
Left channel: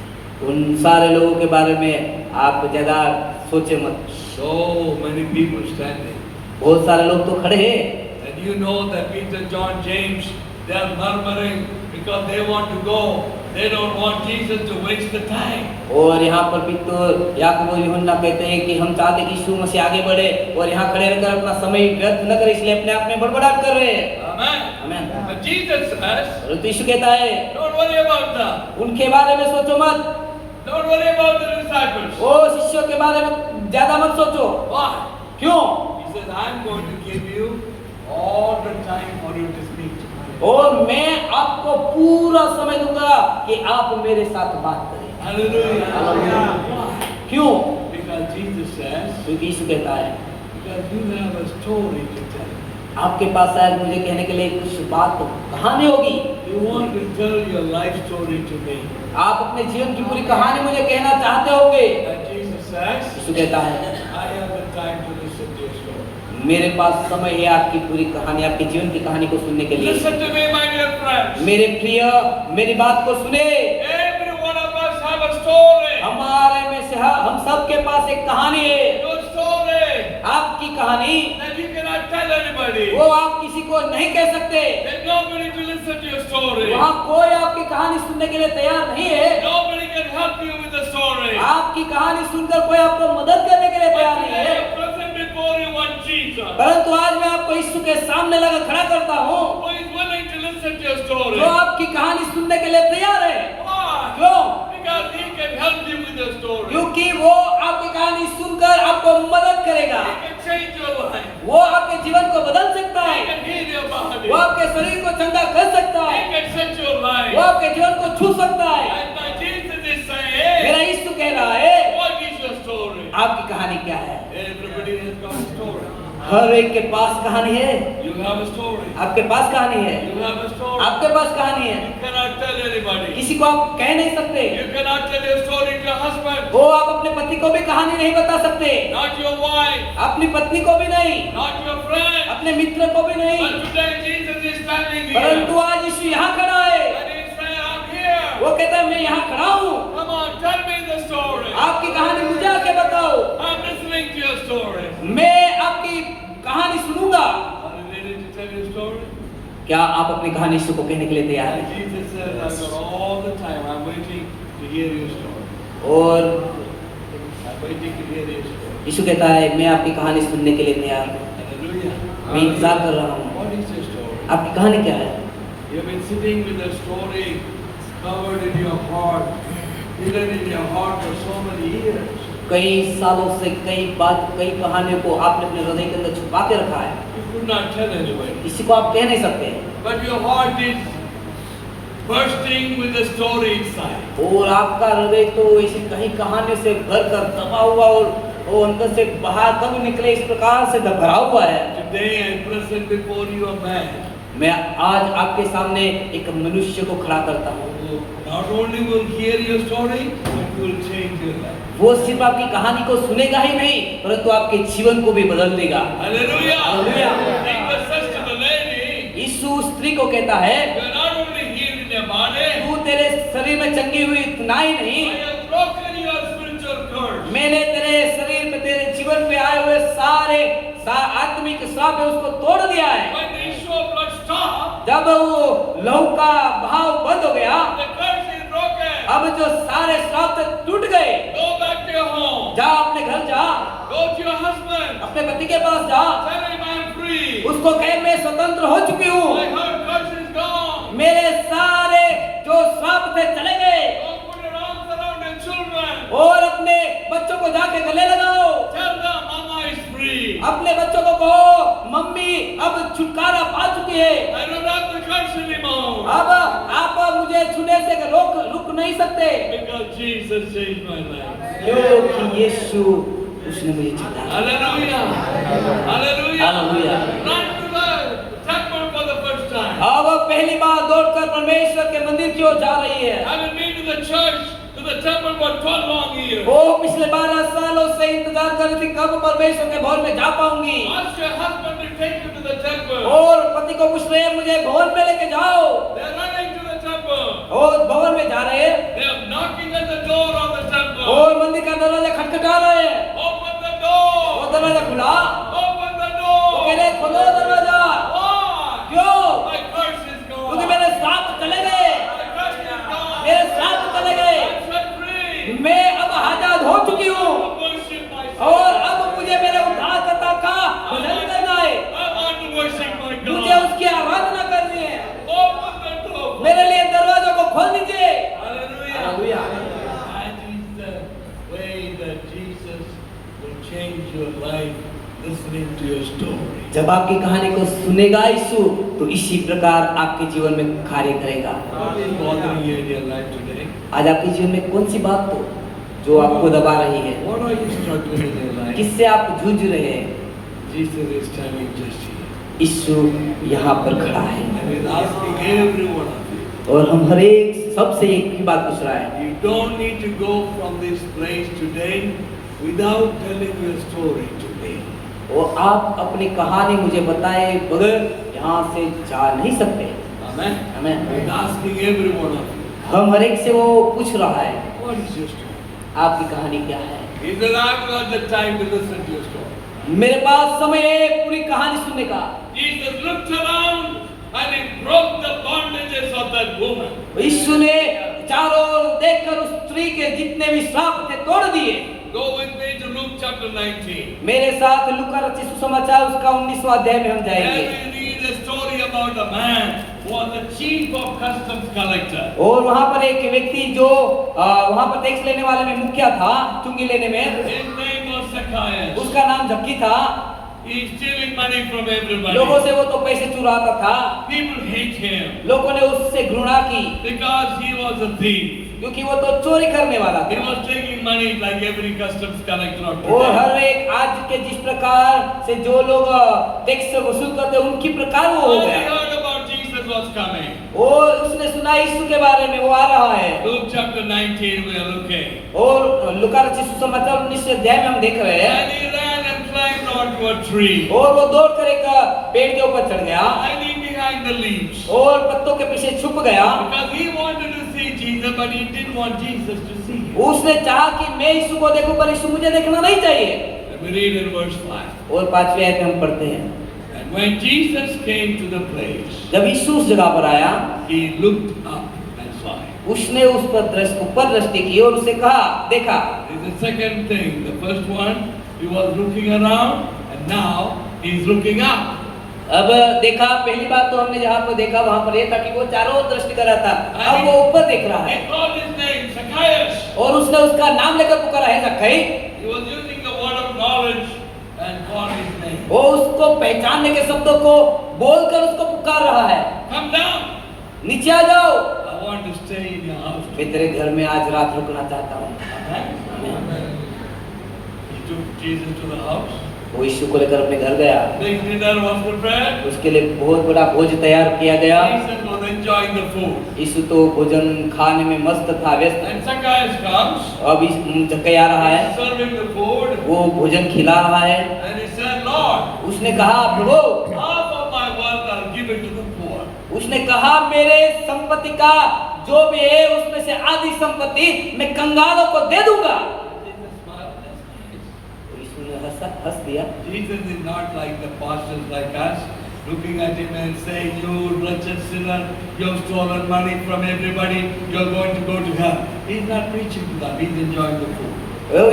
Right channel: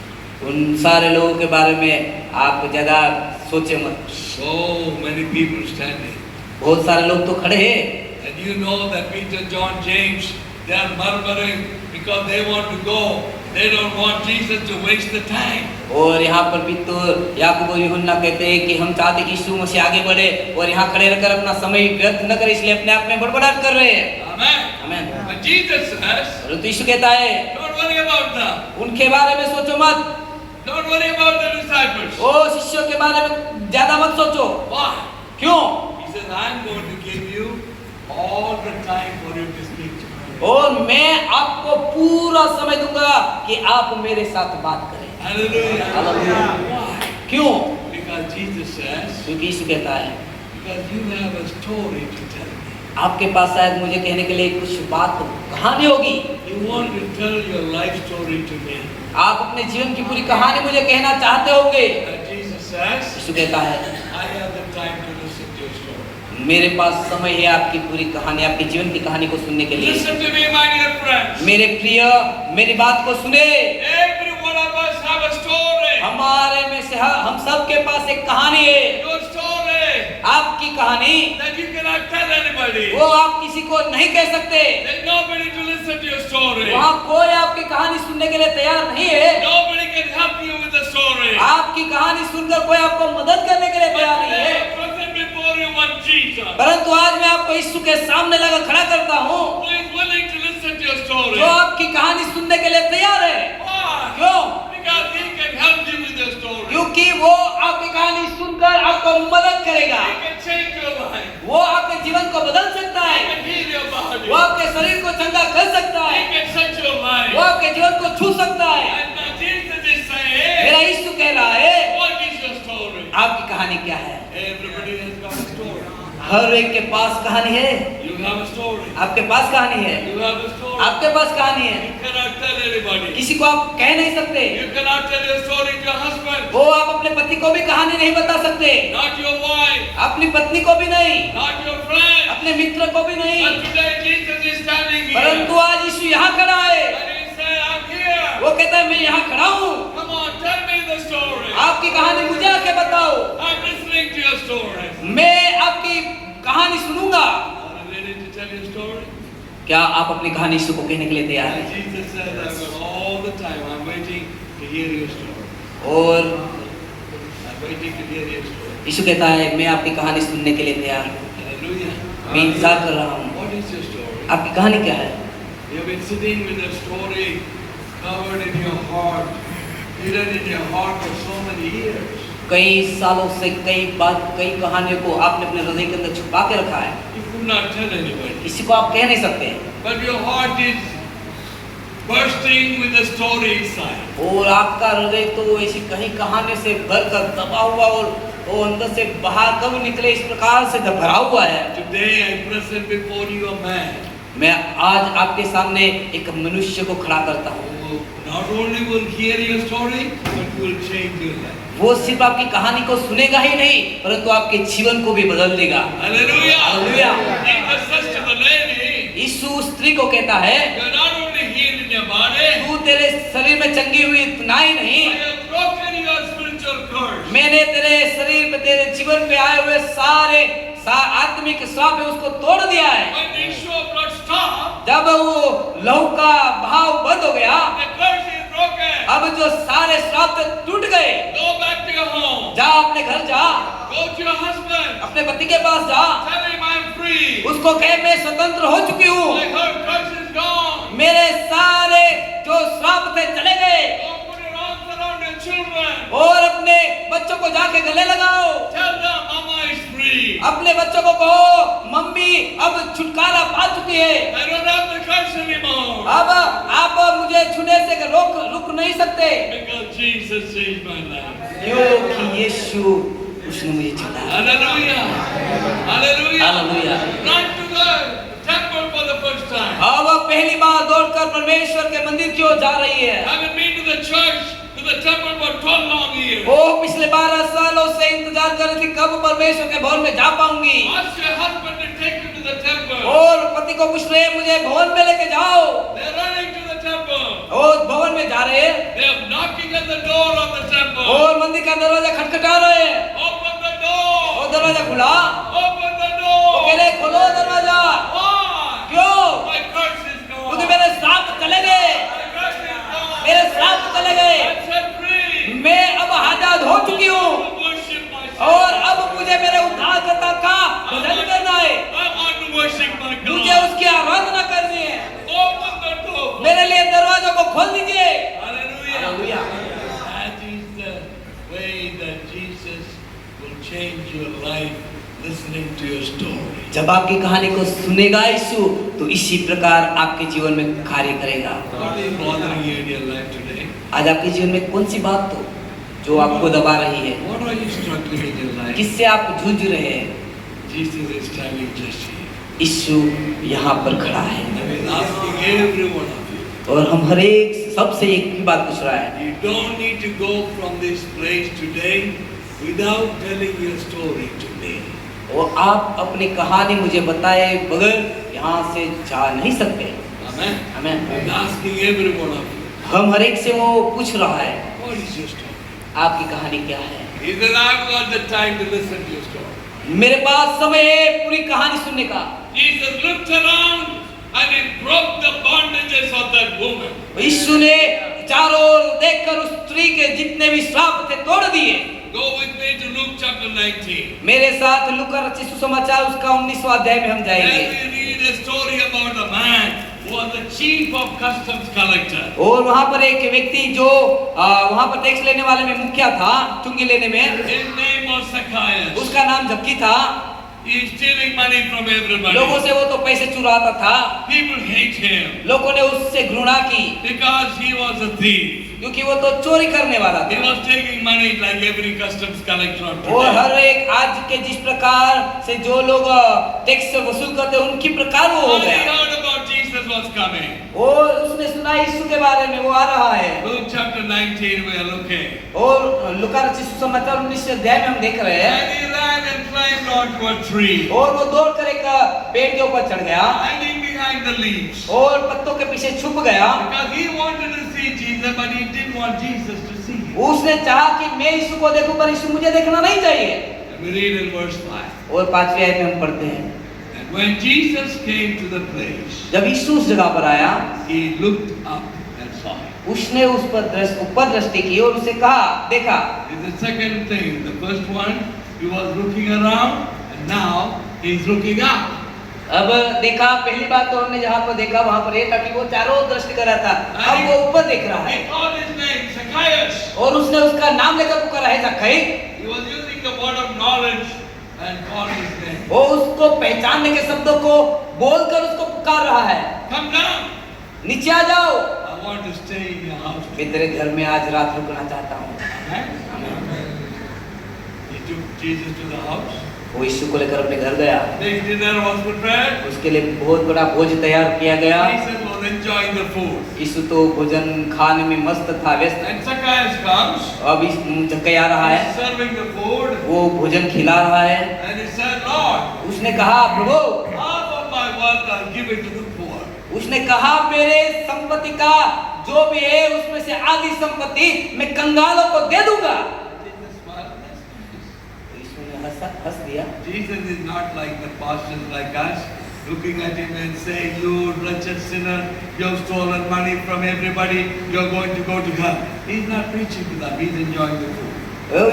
उन सारे लोगों के बारे में आप ज्यादा सोचे मत। So many people standing. बहुत सारे लोग तो खड़े हैं। And you know that Peter, John, James, they are murmuring because they want to go. They don't want Jesus to waste the time. और यहाँ पर पीतुर याकूब और यूहन्ना कहते हैं कि हम चाहते कि यीशु मसीह आगे बढ़े और यहाँ खड़े रहकर अपना समय व्यर्थ न करे, इसलिए अपने आप में बड़बड़ाहट कर रहे हैं। Amen. आमीन। But Jesus says, तो यीशु कहता है don't worry about that. उनके बारे में सोचो मत। Don't worry about the disciples. ओ शिष्यों के बारे में ज्यादा मत सोचो। Why? क्यों? He says, I'm going to give you all the time for you to speak to me. और मैं आपको पूरा समय दूंगा कि आप मेरे साथ बात करें। Hallelujah. Why? क्यों? Because Jesus says, क्योंकि यीशु कहता है because you have a story to tell me. आपके पास शायद मुझे कहने के लिए कुछ बात कहानी होगी। You want to tell your life story to me. आप अपने जीवन की पूरी कहानी मुझे कहना चाहते होंगे। And Jesus says, यीशु कहता है I have the time to listen to your story. मेरे पास समय है आपकी पूरी कहानी, आपके जीवन की कहानी को सुनने के लिए। Listen to me, my dear friends. मेरे प्रिय मेरी बात को सुने। Every one of us have a story. हमारे में से हम सब के पास एक कहानी है। Your story आपकी कहानी that you cannot tell anybody. वो आप किसी को नहीं कह सकते। There's nobody to listen to your story. वहाँ कोई आपकी कहानी सुनने के लिए तैयार नहीं है। Nobody can help you with the story. आपकी कहानी सुनकर कोई आपको मदद करने के लिए तैयार नहीं Today, है। present before you one Jesus परंतु आज मैं आपको यीशु के सामने लगा खड़ा करता हूँ who is willing to listen to your story. जो आपकी कहानी सुनने के लिए तैयार है। Why? क्यों? Because he can help you with your story. क्योंकि वो आपकी कहानी सुनकर आपको मदद करेगा। He can change your life. वो आपके जीवन को बदल सकता He है। can heal your body. वो आपके शरीर को चंगा कर सकता He है। can set your life. वो आपके जीवन को छू सकता है। And now Jesus is saying, मेरा यीशु कह रहा है what is your story? आपकी कहानी क्या है? Everybody has got a story. हर एक के पास कहानी है। You have a story. आपके पास कहानी है। You have a story. आपके पास कहानी है। You cannot tell anybody. किसी को आप कह नहीं सकते। You cannot tell your story to your husband. वो आप अपने पति को भी कहानी नहीं बता सकते। Not your wife. अपनी पत्नी को भी नहीं। Not your friend. अपने मित्र को भी नहीं। But today Jesus is standing here. परंतु आज यीशु यहाँ खड़ा है। And he said, I'm here. वो कहता है मैं यहाँ खड़ा हूँ। Come on, tell me the story. आपकी कहानी मुझे आके बताओ। I'm listening to your story. मैं आपकी कहानी सुनूंगा। Are you ready to tell your story? क्या आप अपनी कहानी यीशु को कहने के लिए तैयार And हैं? Jesus said, I've got all the time. I'm waiting to hear your story. और I'm waiting to hear your story. यीशु कहता है मैं आपकी कहानी सुनने के लिए तैयार हूँ। Hallelujah. मैं इंतजार कर रहा हूँ। What is your story? आपकी कहानी क्या है? You've been sitting with a story covered in your heart, hidden in your heart for so many years. कई सालों से कई कहानियों को आपने अपने हृदय के अंदर छुपा के रखा है। You could not tell anybody. किसी को आप कह नहीं सकते। But your heart is bursting with the story inside. और आपका हृदय तो ऐसी कहीं कहानी से भरकर दबा हुआ और वो अंदर से बाहर कब निकले इस प्रकार से भरा हुआ है। Today I present before you a man मैं आज आपके सामने एक मनुष्य को खड़ा करता हूँ। who not only will hear your story, but will change your life. वो सिर्फ आपकी कहानी को सुनेगा ही नहीं परंतु आपके जीवन को भी बदल देगा। Hallelujah. Hallelujah. Jesus says to the lady, यीशु स्त्री को कहता है you're not only healed in your body, तू तेरे शरीर में चंगी हुई इतना ही नहीं, I have broken your spiritual curse. मैंने तेरे शरीर पे तेरे जीवन पे आए हुए सारे आत्मिक श्राप है उसको तोड़ दिया है। When the issue of blood stopped, जब वो लहू का भाव बंद हो गया, the curse is broken. अब जो सारे श्राप टूट गए। Go back to your home. जा अपने घर जा, Go to your husband. अपने पति के पास जा, Tell him I'm free. उसको कह मैं स्वतंत्र हो चुकी हूँ, My whole curse is gone. मेरे सारे जो श्राप थे चले गए। Go put your arms around your children. और अपने बच्चों को जाके गले लगाओ, Tell them Mama is free. अपने बच्चों को कहो मम्मी अब छुटकारा पा चुकी है। I don't have the curse anymore. अब आप मुझे छूने से रुक नहीं सकते Because Jesus saved my life. क्योंकि यीशु उसने मुझे छुड़ाया। Hallelujah. Hallelujah. Hallelujah. Not to the temple for the first time. अब पहली बार दौड़कर परमेश्वर के मंदिर की ओर जा रही है। Haven't been to the church, to the temple for 12 long years. वो पिछले 12 सालों से इंतजार कर रही थी कब परमेश्वर के भवन में जा पाऊंगी। Ask your husband to take you to the temple. और पति को पूछ रहे हैं मुझे भवन में लेके जाओ। They're running to the temple. और भवन में जा रहे हैं। They are knocking at the door of the temple. और मंदिर का दरवाजा खटखटा रहे हैं। Open the door. वो दरवाजा खुला। Open the door. वो कह रहे खोलो दरवाजा। Why? क्यों? My curse is gone. क्योंकि मेरे श्राप चले गए। My curse is gone. मेरे श्राप चले गए। I'm set free. मैं अब आजाद हो चुकी हूँ। I worship myself. और अब मुझे मेरे उद्धारकर्ता का भजन करना है। I want to worship my मुझे God. उसकी आराधना करनी है। Open the door. मेरे लिए दरवाजों को खोल दीजिए। Hallelujah. Hallelujah. That is the way that Jesus will change your life, listening to your story. जब आपकी कहानी को सुनेगा यीशु तो इसी प्रकार आपके जीवन में कार्य करेगा। What is bothering you in your life today? आज आपके जीवन में कौन सी बात तो जो आपको दबा रही है, What are you struggling in your life? किससे आप जूझ रहे हैं? Jesus is standing just here. यीशु यहाँ पर खड़ा है And he's asking every one of you. और हम हर एक सबसे एक ही बात पूछ रहा है। You don't need to go from this place today without telling your story to me. और आप अपनी कहानी मुझे बताए बगैर यहाँ से जा नहीं सकते। Amen. आमीन। He's asking every one of you. हम हर एक से वो पूछ रहा है What is your story? आपकी कहानी क्या है? He said, I've got the time to listen to your story. मेरे पास समय है पूरी कहानी सुनने का। Jesus looked around and he broke the bondages of that woman. यीशु ने चारों ओर देखकर उस स्त्री के जितने भी श्राप थे तोड़ दिए। Go with me to Luke chapter 19. मेरे साथ लूका रचित सुसमाचार उसका 19वां अध्याय में हम There जाएंगे। we read a story about a man who was the chief of customs collector. और वहाँ पर एक व्यक्ति जो वहाँ पर टैक्स लेने वाले में मुखिया था, चुंगी लेने में, His name was Zacchaeus. उसका नाम जक्की था। He's stealing money from everybody. लोगों से वो तो पैसे चुराता था। People hate him लोगों ने उससे घृणा की because he was a thief. क्योंकि वो तो चोरी करने वाला He था। was taking money like every customs collector of और today. हर एक आज के जिस प्रकार से जो लोग टैक्स से वसूल करते हैं उनकी प्रकार वो हो All he गया। heard about Jesus was coming. और उसने सुना यीशु के बारे में, वो आ रहा है। Luke chapter 19 we are looking. और लूका रचित सुसमाचार 19 अध्याय में हम देख रहे हैं। And he ran and climbed onto a tree, और वो दौड़कर एक पेड़ के ऊपर चढ़ गया hiding behind the leaves. और पत्तों के पीछे छुप गया। Because he wanted to see Jesus, but he didn't want Jesus to see him. उसने चाहा कि मैं यीशु को देखूं पर यीशु मुझे देखना नहीं चाहिए। And we read in verse 5. और 5वीं आयत में हम पढ़ते हैं, And when Jesus came to the place, जब यीशु उस जगह पर आया, he looked up and saw him. उसने उस पर ऊपर दृष्टि की और उसे कहा, देखा। This is the second thing. The first one, he was looking around, and now he's looking up. अब देखा, पहली बात तो हमने जहाँ पर देखा वहाँ पर ये था कि वो चारों ओर दृष्टि कर रहा था। अब वो ऊपर देख रहा है He called his name, Zacchaeus. और उसने उसका नाम लेकर पुकारा है, जक्कई। He was using the word of knowledge and called his name. वो उसको पहचानने के शब्दों को बोलकर उसको पुकार रहा है, Come down. नीचे आ जाओ, I want to stay in your house. मैं तेरे घर में आज रात रुकना चाहता हूँ। Amen. He took Jesus to the house. वो यीशु को लेकर अपने घर गया। The dinner was prepared. उसके लिए बहुत बड़ा भोज तैयार किया गया। Jesus was enjoying the food. यीशु तो भोजन खाने में मस्त था, व्यस्त। And Zacchaeus comes. अब जक्कई आ रहा है, He's serving the food. वो भोजन खिला रहा है। And he said, Lord, उसने कहा, प्रभु, half of my wealth I'll give it to the poor. उसने कहा मेरे संपत्ति का जो भी है उसमें से आधी संपत्ति मैं कंगालों को दे दूंगा। Jesus smiled. That's nice. यीशु ने हंस दिया। Jesus is not like the pastors like us, looking at him and saying, you wretched sinner, you have stolen money from everybody, you are going to go to hell. He's not preaching to them, he's enjoying the food.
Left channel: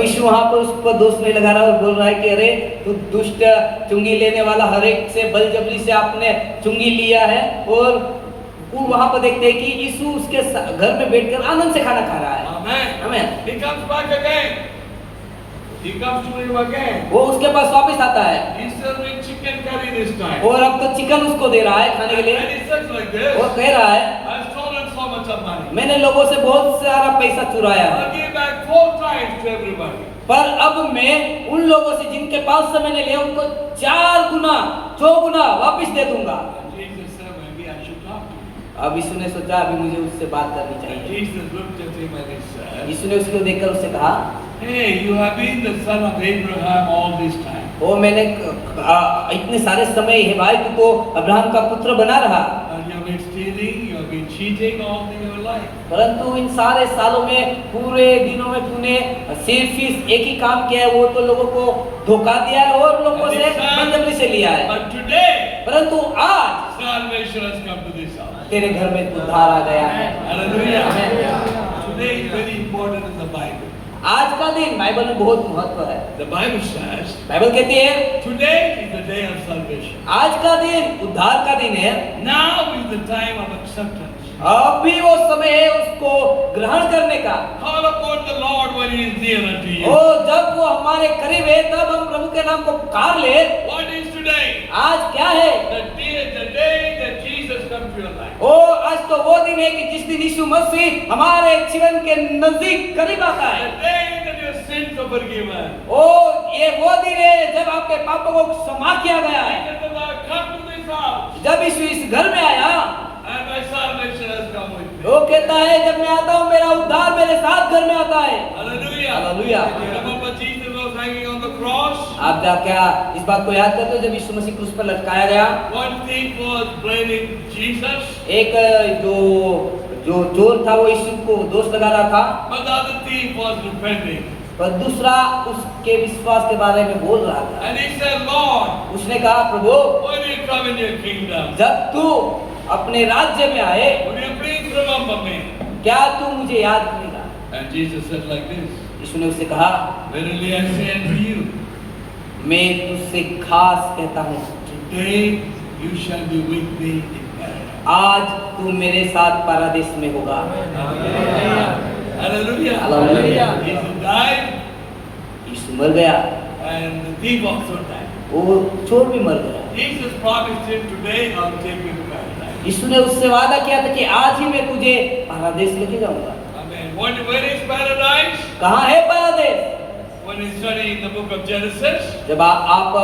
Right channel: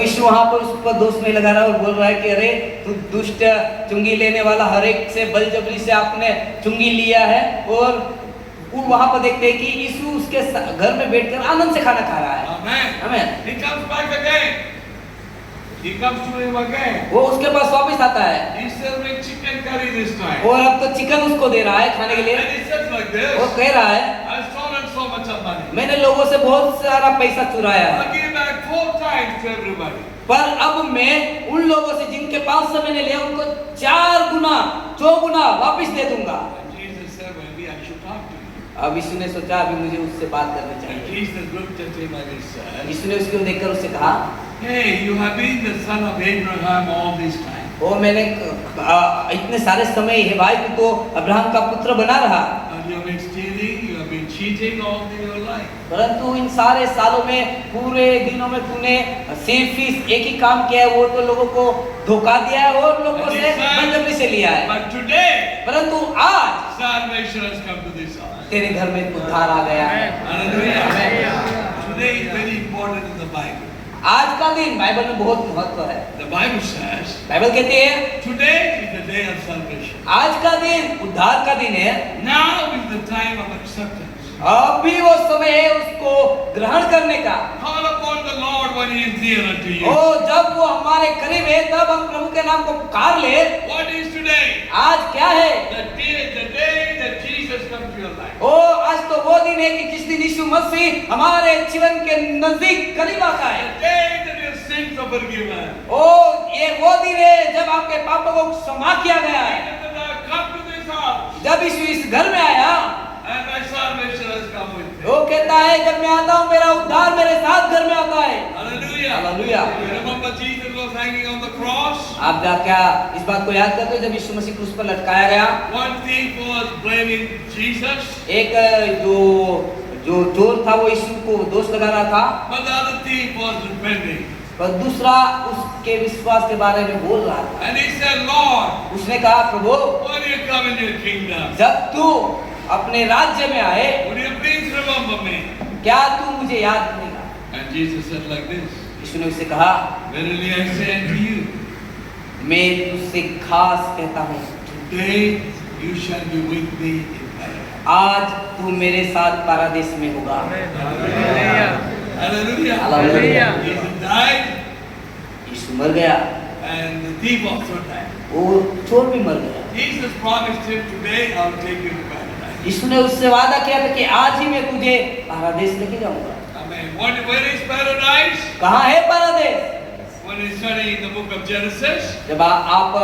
यीशु वहाँ पर उसको दोष नहीं लगा रहा और बोल रहा है कि अरे तू दुष्ट चुंगी लेने वाला, हर एक से बलजबरी से आपने चुंगी लिया है। और वो वहाँ पर देखते हैं कि यीशु उसके घर में बैठकर आनंद से खाना खा रहा है। Amen. आमीन। He comes back again. He comes to him again. वो उसके पास वापस आता है He's serving chicken curry this time. और अब तो चिकन उसको दे रहा है खाने के लिए। And he says like वो this, कह रहा है, I've stolen so much of money. मैंने लोगों से बहुत सारा पैसा चुराया, I'll give back 4 times to everybody. पर अब मैं उन लोगों से जिनके पास से मैंने लिया उनको 4 गुना 4 गुना वापस दे दूंगा। And Jesus said, maybe I should talk to you. अब यीशु ने सोचा अभी मुझे उससे बात करनी And चाहिए। Jesus looked at him and he said, यीशु ने उसको देखकर उससे कहा, hey, you have been the son of Abraham all this time. ओ मैंने इतने सारे समय हे भाई तू तो अब्राहम का पुत्र बना रहा, And you have been stealing, you have been cheating all your life. परंतु इन सारे सालों में पूरे दिनों में तूने सिर्फ एक ही काम किया है, वो तो लोगों को धोखा दिया है और लोगों And से he said, बदतमीजी से लिया है। but today, परंतु आज salvation has come to this house. तेरे घर में उद्धार आ गया है। Hallelujah. Today is very important in the Bible. आज का दिन बाइबल में बहुत महत्व है। The Bible says, बाइबल कहती है today is the day of salvation. आज का दिन उद्धार का दिन है। Now is the time of acceptance. अभी वो समय है उसको ग्रहण करने का। Call upon the Lord when He is near unto you. और जब वो हमारे करीब है तब हम प्रभु के नाम को पुकार ले। What is today? आज क्या है? The day that Jesus comes to your life. ओ आज तो वो दिन है कि जिस दिन यीशु मसीह हमारे जीवन के नजदीक करीब आता है। The day that your sins are forgiven. ओ ये वो दिन है जब आपके पापों को क्षमा किया गया है। Jesus the Lord come to this house. जब यीशु इस घर में आया, And my salvation has come with me. वो कहता है जब मैं आता हूँ मेरा उद्धार मेरे साथ घर में आता है। Hallelujah. Hallelujah. You remember Jesus was hanging on the cross? आप क्या इस बात को याद करते हो जब यीशु मसीह क्रूस पर लटकाया गया? One thief was blaming Jesus, एक जो चोर था वो यीशु को दोष लगा रहा था, but the other thief was repenting. पर दूसरा उसके विश्वास के बारे में बोल रहा था। And he said, Lord, उसने कहा प्रभु when you come in your kingdom, जब तू अपने राज्य में आए would you please remember me? क्या तू मुझे याद करेगा? And Jesus said like this, यीशु ने उससे कहा verily I say unto you, मैं तुझसे खास कहता हूँ today you shall be with me in paradise. आज तू मेरे साथ पारादीस में होगा। Hallelujah. Hallelujah. Jesus died यीशु मर गया and the thief also died. और चोर भी मर गया। Jesus promised him, today I'll take you to paradise. यीशु ने उससे वादा किया था कि आज ही मैं तुझे पारादीस लेके जाऊंगा। Amen. Where is paradise? कहाँ है Paradis? When you study the book of Genesis, जब आप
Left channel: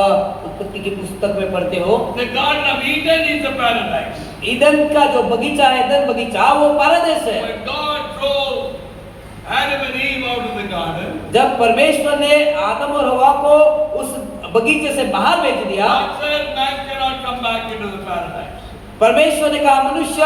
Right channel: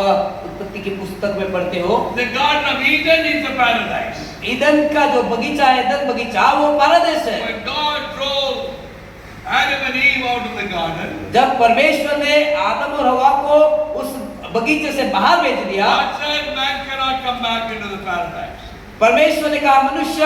उत्पत्ति की पुस्तक में पढ़ते हो, the Garden of Eden is the paradise. Eden का जो बगीचा है, ईदन बगीचा वो पारादीस है। When God drove Adam and Eve out of the garden, जब परमेश्वर ने आदम और हवा को उस बगीचे से बाहर भेज दिया, God said man cannot come back into the paradise. परमेश्वर ने कहा मनुष्य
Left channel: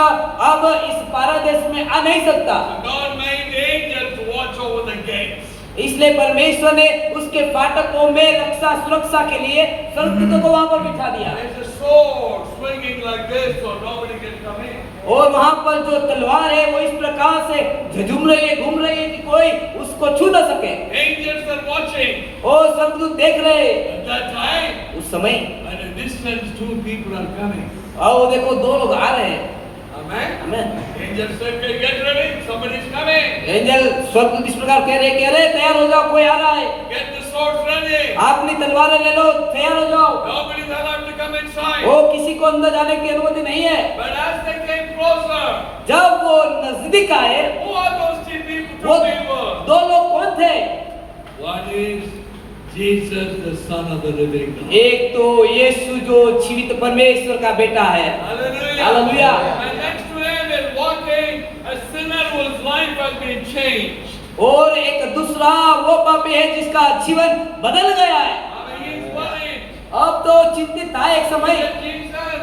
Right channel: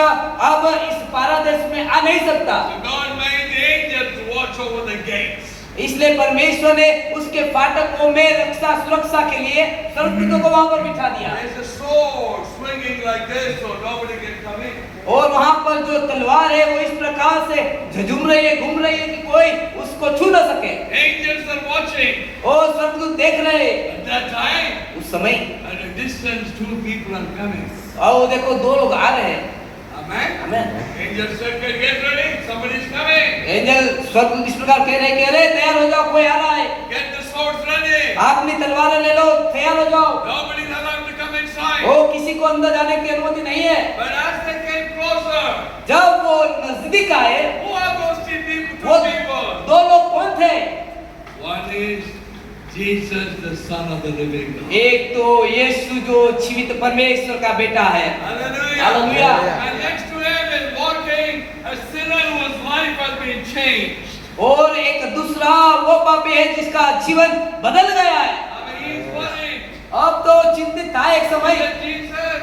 अब इस पारादीस में आ नहीं सकता। So God made angels to watch over the gates. इसलिए परमेश्वर ने उसके फाटकों में रक्षा सुरक्षा के लिए स्वर्गदूतों को वहां पर बिठा दिया। There's a sword swinging like this so nobody can come in. और वहां पर जो तलवार है वो इस प्रकार से झुम रही है, घूम रही है कि कोई उसको छू न सके। Angels are watching. और स्वर्गदूत देख रहे At that time, उस समय, at a distance, two people are coming. और वो देखो दो लोग आ रहे हैं। Amen. आमेन। Angels said, get ready, somebody's coming. Angel स्वर्गदूत इस प्रकार कह रहे तैयार हो जाओ, कोई आ रहा है। Get the swords ready. अपनी तलवारें ले लो, तैयार हो जाओ। Nobody's allowed to come inside. वो किसी को अंदर जाने की अनुमति नहीं है। But as they came closer, जब वो नजदीक आए, who are those two people? वो Two people. दो लोग कौन थे? One is Jesus, the Son of the living God. एक तो यीशु जो जीवित परमेश्वर का बेटा है। Hallelujah. Hallelujah. And next to him is walking a sinner whose life has been changed. और एक दूसरा वो पापी है जिसका जीवन बदल गया है। I mean, he's worried. अब तो चिंतित था एक समय। But Jesus,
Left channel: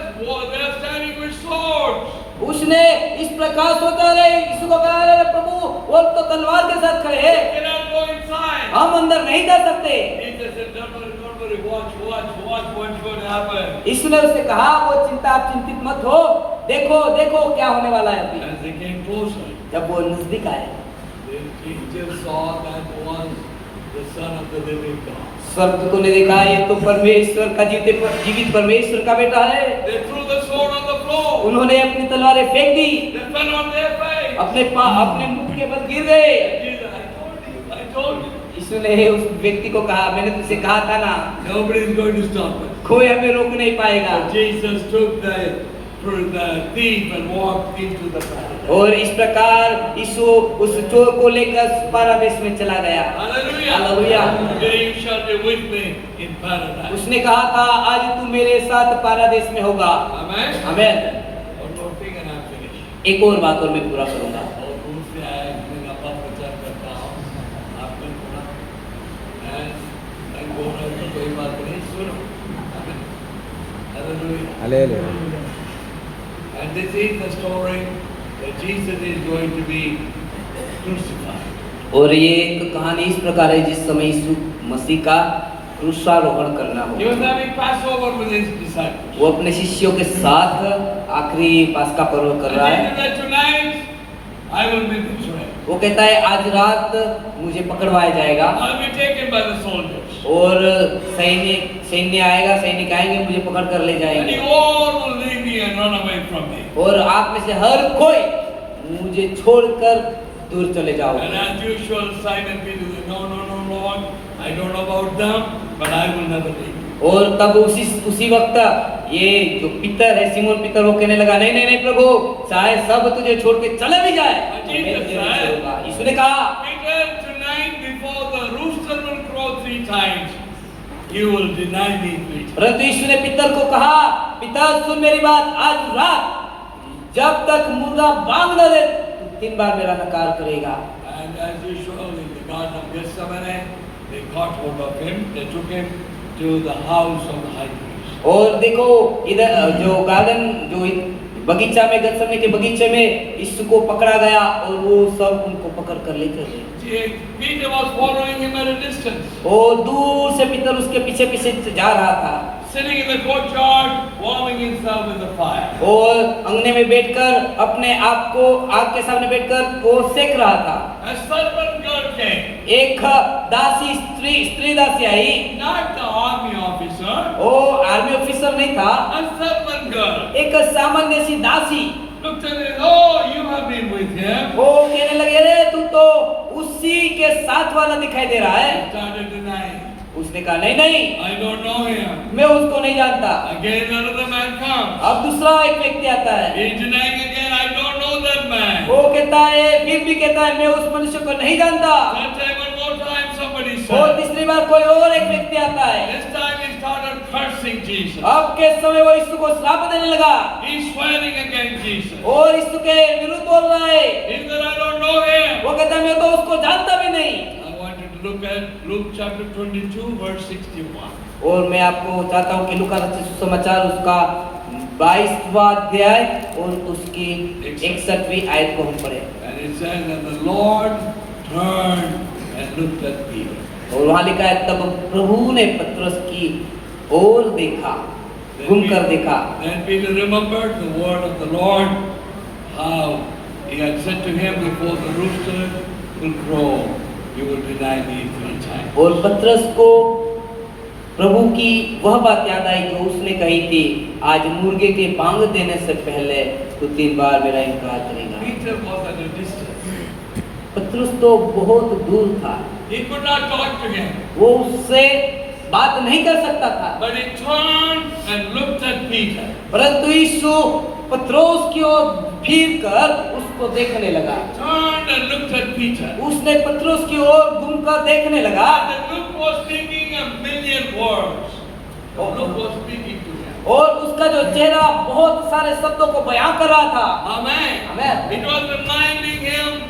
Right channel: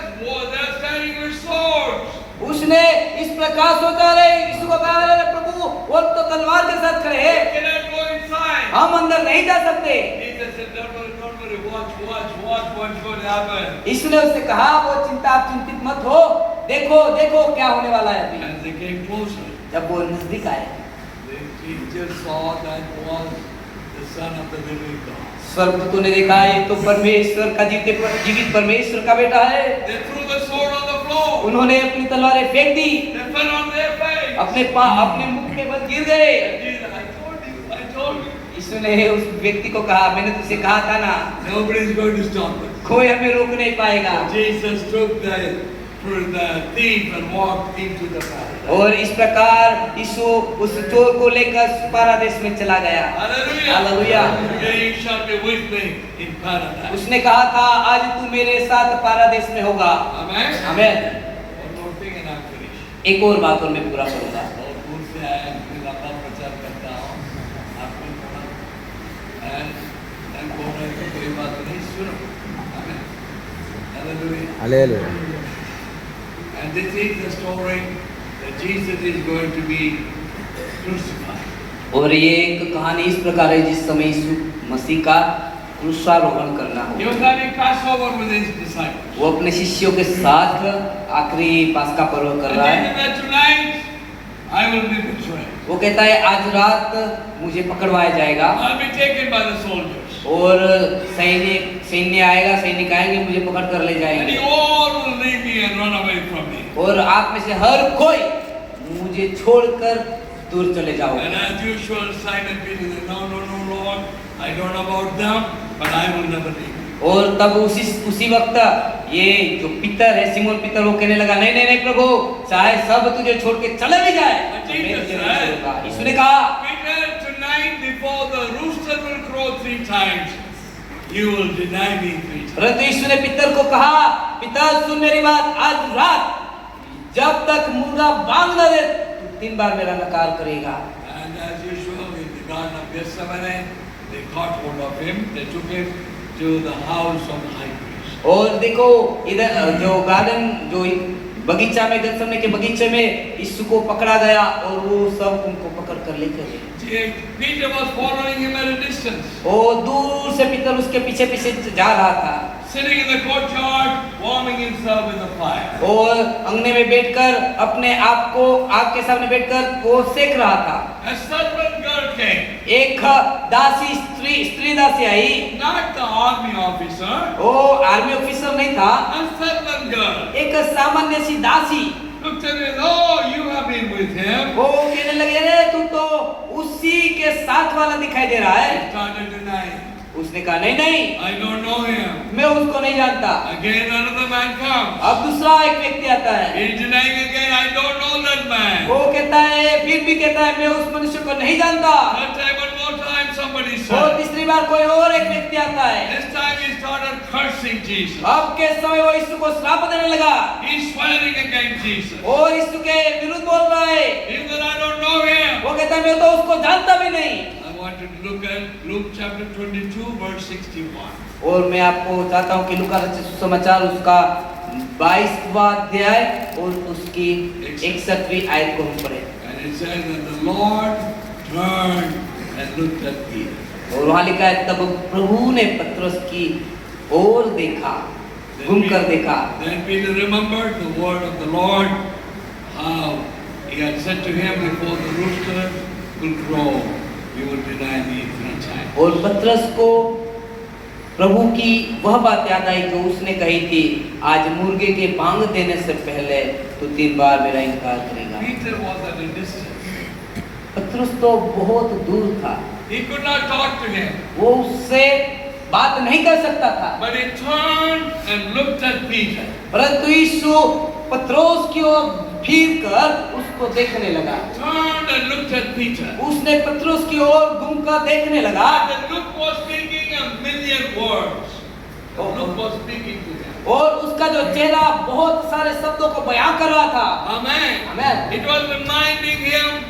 they're standing with swords. उसने इस प्रकार सोचा रहे यीशु को कहा प्रभु वो तो तलवार के साथ खड़े हैं, They cannot go inside. हम अंदर नहीं जा सकते। Jesus said, don't worry, watch what's going to happen. इसने उससे कहा वो आप चिंतित मत हो, देखो देखो क्या होने वाला है अभी। As they came closer, जब वो नजदीक आए, the angels saw that was the Son of the living God. स्वर्गदूतों ने देखा ये तो परमेश्वर का जीवित परमेश्वर का बेटा है। They threw the sword on the floor. उन्होंने अपनी तलवारें फेंक दी, They fell on their face. अपने मुंह के बल गिर गए। Jesus, I told you. यीशु ने उस व्यक्ति को कहा मैंने तुझसे कहा था ना, Nobody is going to stop us. कोई हमें रोक नहीं पाएगा। Jesus took the thief and walked into the paradise. और इस प्रकार यीशु उस चोर को लेकर पारादीस में चला गया। Hallelujah. Hallelujah. Today you shall be with me in paradise. उसने कहा था आज तू मेरे साथ पारादीस में होगा। Amen. Amen. One more thing and I'm finished. एक और बात और मैं पूरा करूंगा। और दूर से आया, मैं लंबा प्रचार करता हूँ, आपको and बोल रहे हैं कोई बात नहीं, सुनो, आमीन, hallelujah. Hallelujah. And this is the story that Jesus is going to be crucified. और ये एक कहानी इस प्रकार है जिस समय यीशु मसीह का क्रूसारोहण करना He हो। was having Passover with his disciples. वो अपने शिष्यों के साथ आखिरी पास्का पर्व कर And रहा then है। he said, tonight I will be betrayed. वो कहता है आज रात मुझे पकड़वाया जाएगा I'll be taken by the soldiers. और सैन्य आएगा, सैनिक आएंगे, मुझे पकड़ कर ले And जाएंगे you all will leave me and run away from me. और आप में से हर कोई मुझे छोड़कर दूर चले जाओ। And as usual, Simon Peter said, no, no, no, Lord, I don't know about them, but I will never leave you. और तब उसी वक्त ये जो पितर है, सिमोन पितर, वो कहने लगा नहीं नहीं नहीं प्रभु, चाहे सब तुझे छोड़ के चले भी जाए, मैं तुझे नहीं छोड़ूंगा। यीशु ने कहा, Peter, tonight before the rooster will crow 3 times, you will deny me 3 times. परंतु यीशु ने पितर को कहा, पिता सुन मेरी बात, आज रात जब तक मुर्गा बांग न दे, तू 3 बार मेरा नकार करेगा। And as usual, in the Garden of Gethsemane, they caught hold of him, they took him to the house of the high priest. और देखो इधर जो गार्डन जो बगीचा में, गत्समने के बगीचे में यीशु को पकड़ा गया और वो सब उनको पकड़ कर लेके गए। Peter was following him at a distance. और दूर से पीतर उसके पीछे पीछे जा रहा था Sitting in the courtyard, warming himself in the fire. और अंगने में बैठकर अपने आप को आग के सामने बैठकर वो सेक रहा था। A servant girl came, एक दासी स्त्री दासी आई, not the army officer, वो आर्मी ऑफिसर नहीं था, a servant girl. एक सामान्य सी दासी। Looked at him, oh, you have been with him. वो कहने लगे, रे तू तो उसी के साथ वाला दिखाई दे रहा है। He started denying. उसने कहा नहीं नहीं, I don't know him. मैं उसको नहीं जानता। Again another man comes. अब दूसरा एक व्यक्ति आता है, He's denying again, I don't know that man. वो कहता है, फिर भी कहता है मैं उस मनुष्य को नहीं जानता। That time, one more time, somebody और said. तीसरी बार कोई और एक व्यक्ति आता है। This time he started cursing Jesus. अब के समय वो यीशु को श्राप देने लगा He's swearing against Jesus. और यीशु के विरुद्ध बोल रहा है। He said, I don't know him. वो कहता है मैं तो उसको जानता भी नहीं। I want you to look at Luke chapter 22, verse 61. और मैं आपको चाहता हूँ कि लूका रचित सुसमाचार उसका 22वां अध्याय और उसकी 61वीं आयत को हम पढ़ें। And it says that the Lord turned and looked at Peter. और वहाँ लिखा है तब प्रभु ने पतरस की ओर देखा, घूमकर देखा। Then Peter remembered the word of the Lord, how he had said to him, before the rooster will crow, you will deny me 3 times. और पतरस को प्रभु की वह बात याद आई जो उसने कही थी, आज मुर्गे के बांग देने से पहले तू 3 बार मेरा इनकार करेगा। Peter was at a distance. पतरस तो बहुत दूर था, He could not talk to him. वो उससे बात नहीं कर सकता था। But he turned and looked at Peter. परंतु यीशु पतरस की ओर फिर कर उसको देखने लगा। Turned and looked at Peter. उसने पतरस की ओर घूमकर देखने लगा। The look was speaking a million words. The look was speaking to him. और उसका जो चेहरा बहुत सारे शब्दों को बयां कर रहा था। Amen. Amen. It was reminding him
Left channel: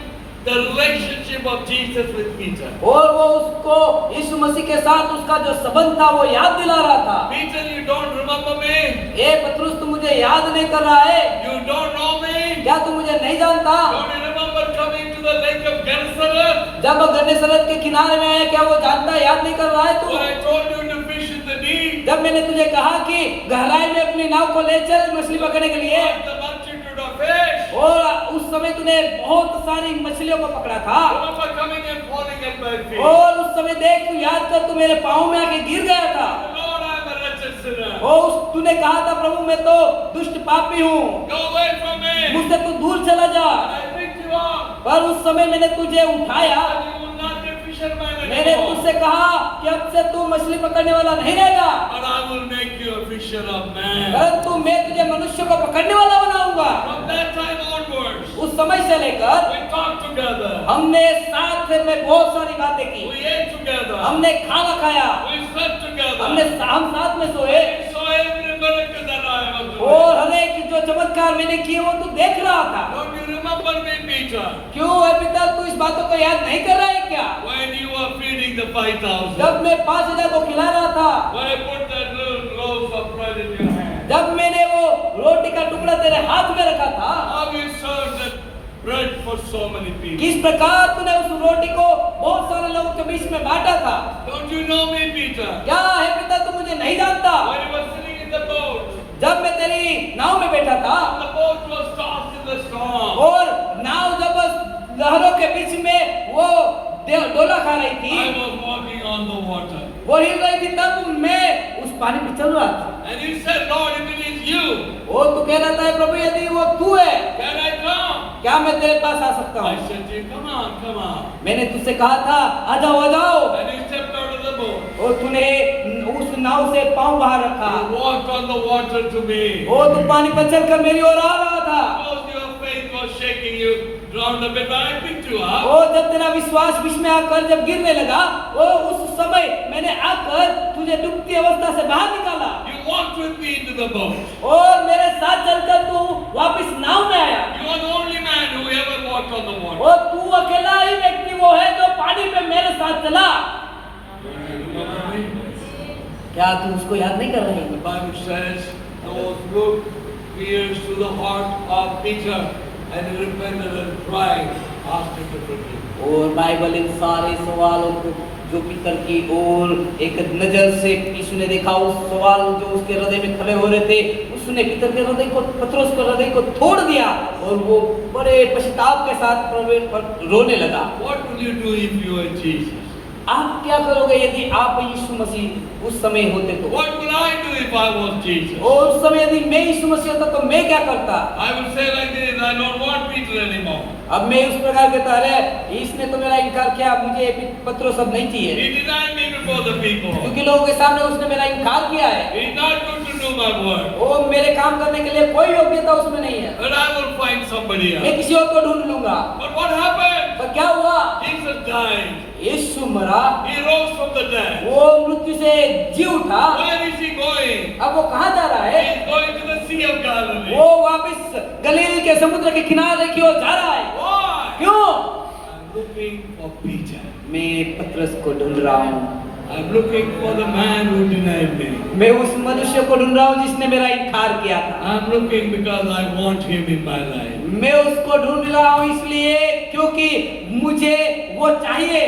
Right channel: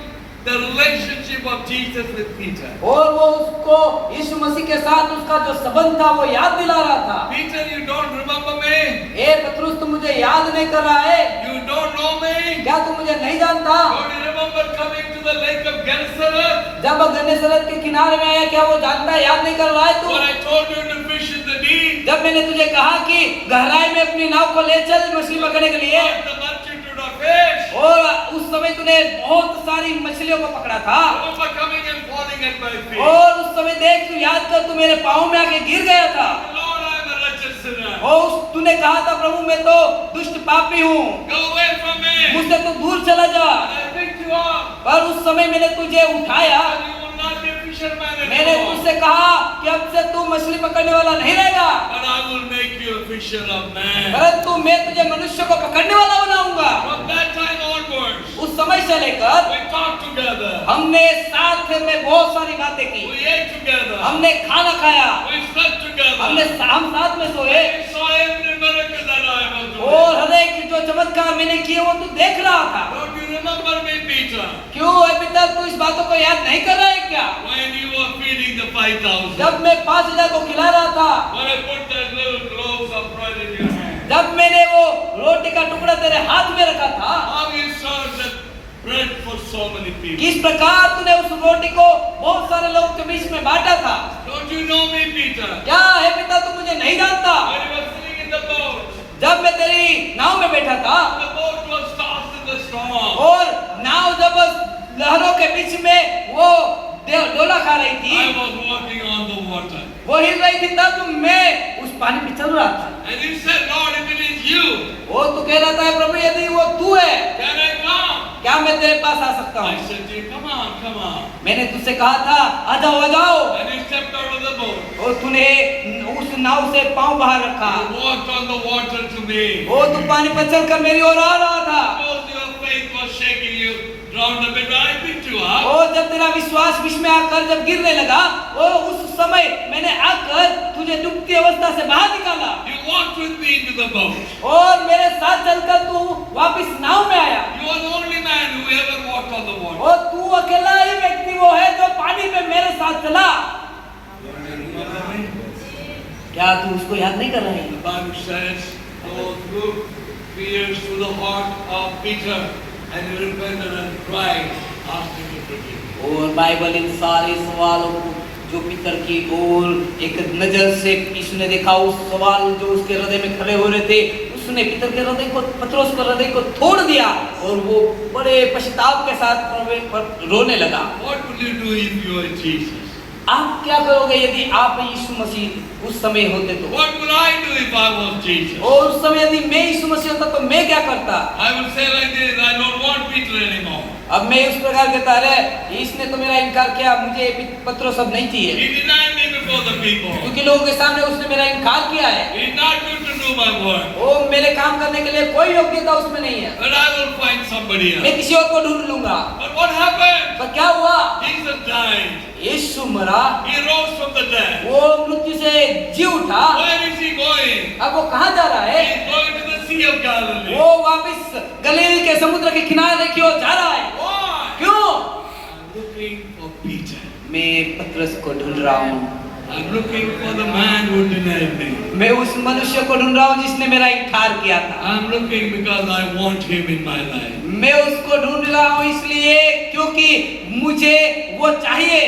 the relationship of Jesus with Peter. और वो उसको यीशु मसीह के साथ उसका जो संबंध था वो याद दिला रहा था। Peter, you don't remember me? ए पतरस तू मुझे याद नहीं कर रहा है? You don't know me? क्या तू मुझे नहीं जानता? Don't you remember coming to the lake of Gennesaret? जब गन्नेसरत के किनारे में आया, क्या वो जानता, याद नहीं कर रहा है तू? When I told you to fish in the deep? जब मैंने तुझे कहा कि गहराई में अपनी नाव को ले चल मछली पकड़ने के लिए, Not the multitude of fish. और उस समय तूने बहुत सारी मछलियों को पकड़ा था। Remember coming and falling at my feet? और उस समय देख तू याद कर, तू मेरे पाँव में आके गिर गया था। Lord, I'm a wretched sinner. और तूने कहा था प्रभु मैं तो दुष्ट पापी हूँ, Go away from me. मुझसे तू दूर चला जा। I picked you up. पर उस समय मैंने तुझे उठाया, And you will not be a fisherman मैंने anymore. तुझसे कहा कि अब से तू मछली पकड़ने वाला नहीं रहेगा, But I will make you a fisher of men. परंतु मैं तुझे मनुष्य को पकड़ने वाला बनाऊंगा। From that time onwards, उस समय से लेकर we talked together. हमने साथ में बहुत सारी बातें की, We ate together. हमने खाना खाया, We slept together. हम साथ में सोए, We saw every miracle that I was doing. और हर एक जो चमत्कार मैंने किए वो तू देख रहा था। Don't Peter? क्यों है पिता, तू इस बातों को याद नहीं कर रहा है क्या? When you were feeding the 5,000, जब मैं 5,000 को खिला रहा था, when I put that little loaf of bread in your hand, जब मैंने वो रोटी का टुकड़ा तेरे हाथ में रखा था, how you served that bread for so many people? किस प्रकार तूने उस रोटी को बहुत सारे लोगों के बीच में बांटा था? Don't you know me, Peter? क्या है पिता, तू मुझे नहीं जानता? When you were sitting in the boat, जब मैं तेरी नाव में बैठा था the boat was tossed in the storm. और नाव जब लहरों के बीच में वो डोला खा रही थी, I was walking on the water. वो हिल रही थी, तब मैं उस पानी पे चल रहा था। And you said, Lord, if it is you, वो तू कह रहा था, प्रभु यदि वो तू है, can I come? क्या मैं तेरे पास आ सकता I हूँ? said to you, come on, come on. मैंने तुझसे कहा था, आ जाओ आ जाओ, And you stepped out of the boat. और तूने उस नाव से पांव बाहर रखा, You walked on the water to me. वो तू पानी पर चलकर मेरी ओर आ रहा था। Suppose your faith was shaking you, drowned a bit, but I picked you up. और जब तेरा विश्वास बीच में आकर जब गिरने लगा, वो उस समय मैंने आकर तुझे डूबती अवस्था से बाहर निकाला You walked with me into the boat. और मेरे साथ चलकर तू वापस नाव में आया। You are the only man who ever walked on the water. और तू अकेला ही व्यक्ति वो है जो पानी पे मेरे साथ चला। क्या तू उसको याद नहीं कर रहे? The Bible says those good fears to the heart of Peter, and he repented and cried, asked him to forgive him. और बाइबल इन सारे सवालों को जो पितर की ओर एक नजर से यीशु ने देखा, उस सवाल जो उसके हृदय में खड़े हो रहे थे, उसने पितर के हृदय को, पतरस के हृदय को तोड़ दिया और वो बड़े पश्चाताप के साथ रोने लगा। What will you do if you are Jesus? आप क्या करोगे यदि आप यीशु मसीह उस समय होते तो? What will I do if I was Jesus? और उस समय यदि मैं यीशु मसीह होता तो मैं क्या करता? I will say like this, I don't want Peter anymore. अब मैं इस प्रकार कहता है, इसने तो मेरा इनकार किया, मुझे पत्रोस अब नहीं चाहिए, He denied me before the people. क्योंकि लोगों के सामने उसने मेरा इनकार किया है। He is not good to do my work. वो मेरे काम करने के लिए कोई योग्यता उसमें नहीं है। But I will find somebody मैं else. किसी और को ढूंढ लूंगा। But what happened? पर क्या हुआ? Jesus died. यीशु मरा, He rose from the dead. वो मृत्यु से जी उठा। Where is he going? अब वो कहाँ जा रहा है? He is going to the Sea of Galilee. वो वापस गलील के समुद्र के किनारे की ओर जा रहा है। Why? क्यों? I'm looking for Peter. मैं पतरस को ढूंढ रहा हूँ। I'm looking for the man who denied me. मैं उस मनुष्य को ढूंढ रहा हूँ जिसने मेरा इनकार किया था। I'm looking because I want him in my life. मैं उसको ढूंढ रहा हूँ इसलिए क्योंकि मुझे वो चाहिए।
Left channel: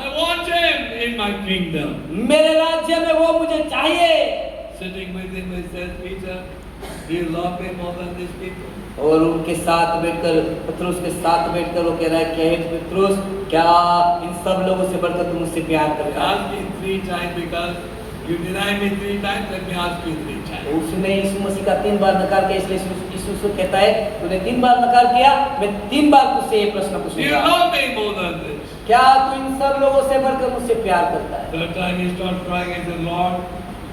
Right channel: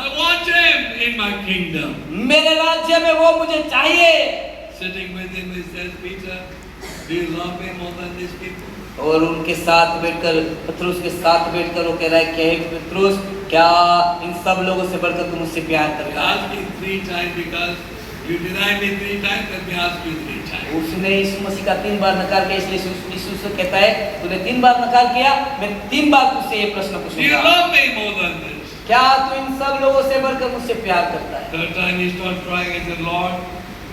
I want him in my kingdom. मेरे राज्य में वो मुझे चाहिए। Sitting with him, he says, Peter, do you love me more than these people? और उनके साथ बैठकर, पतरस के साथ बैठकर वो कह रहा है कि हे पतरस, क्या इन सब लोगों से बढ़कर तुम मुझसे प्यार I करता है? asked him 3 times because you denied me 3 times, let me ask you 3 times. उसने यीशु मसीह का 3 बार नकार किया, इसलिए यीशु से कहता है, तूने 3 बार नकार किया, मैं 3 बार तुझसे ये प्रश्न Do you पूछूंगा, love me more than this? क्या तू इन सब लोगों से बढ़कर मुझसे प्यार करता है? 3rd time he started crying and said, Lord,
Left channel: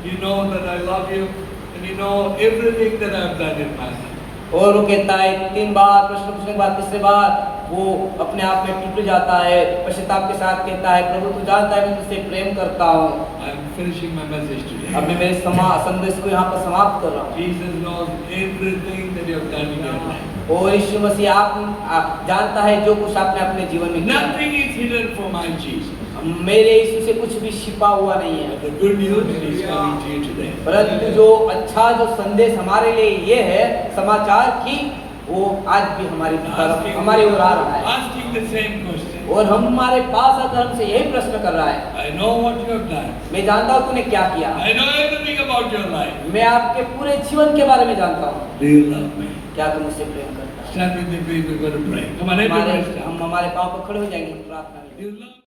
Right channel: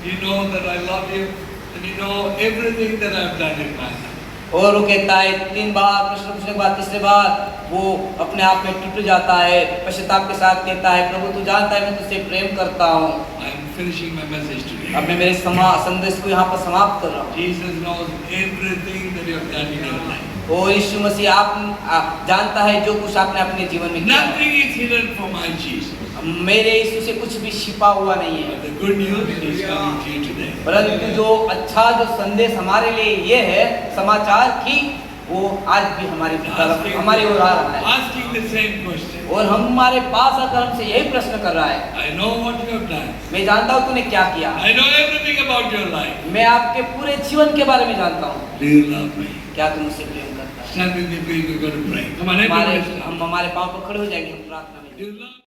you know that I love you and you know everything that I've done in my life. और वो कहता है 3 बार प्रश्न पूछने के बाद 3रे बार वो अपने आप में टूट जाता है, पश्चाताप के साथ कहता है, प्रभु तू जानता है मैं तुझसे प्रेम करता हूँ। I am finishing my message today. अब मैं मेरे संदेश को यहाँ पर समाप्त कर रहा हूँ। Jesus knows everything that you have done in your life. और यीशु मसीह आप जानता है जो कुछ आपने अपने जीवन में किया। Nothing is hidden from my Jesus. मेरे यीशु से कुछ भी छिपा हुआ नहीं है। But the good news is coming to you today. परंतु जो अच्छा जो संदेश हमारे लिए ये है, समाचार की, वो आज भी हमारी ओर आ रहा है। Asking the same question. और हमारे पास आकर हमसे यही प्रश्न कर रहा है, I know what you have done. मैं जानता हूँ तूने क्या किया। I know everything about your life. मैं आपके पूरे जीवन के बारे में जानता हूँ। Do you love me? क्या तुम मुझसे प्रेम करता है? Stand with me, please. We're going to pray. Come on, everybody. हम हमारे पाँव पर खड़े हो जाएंगे प्रार्थना में। Do you love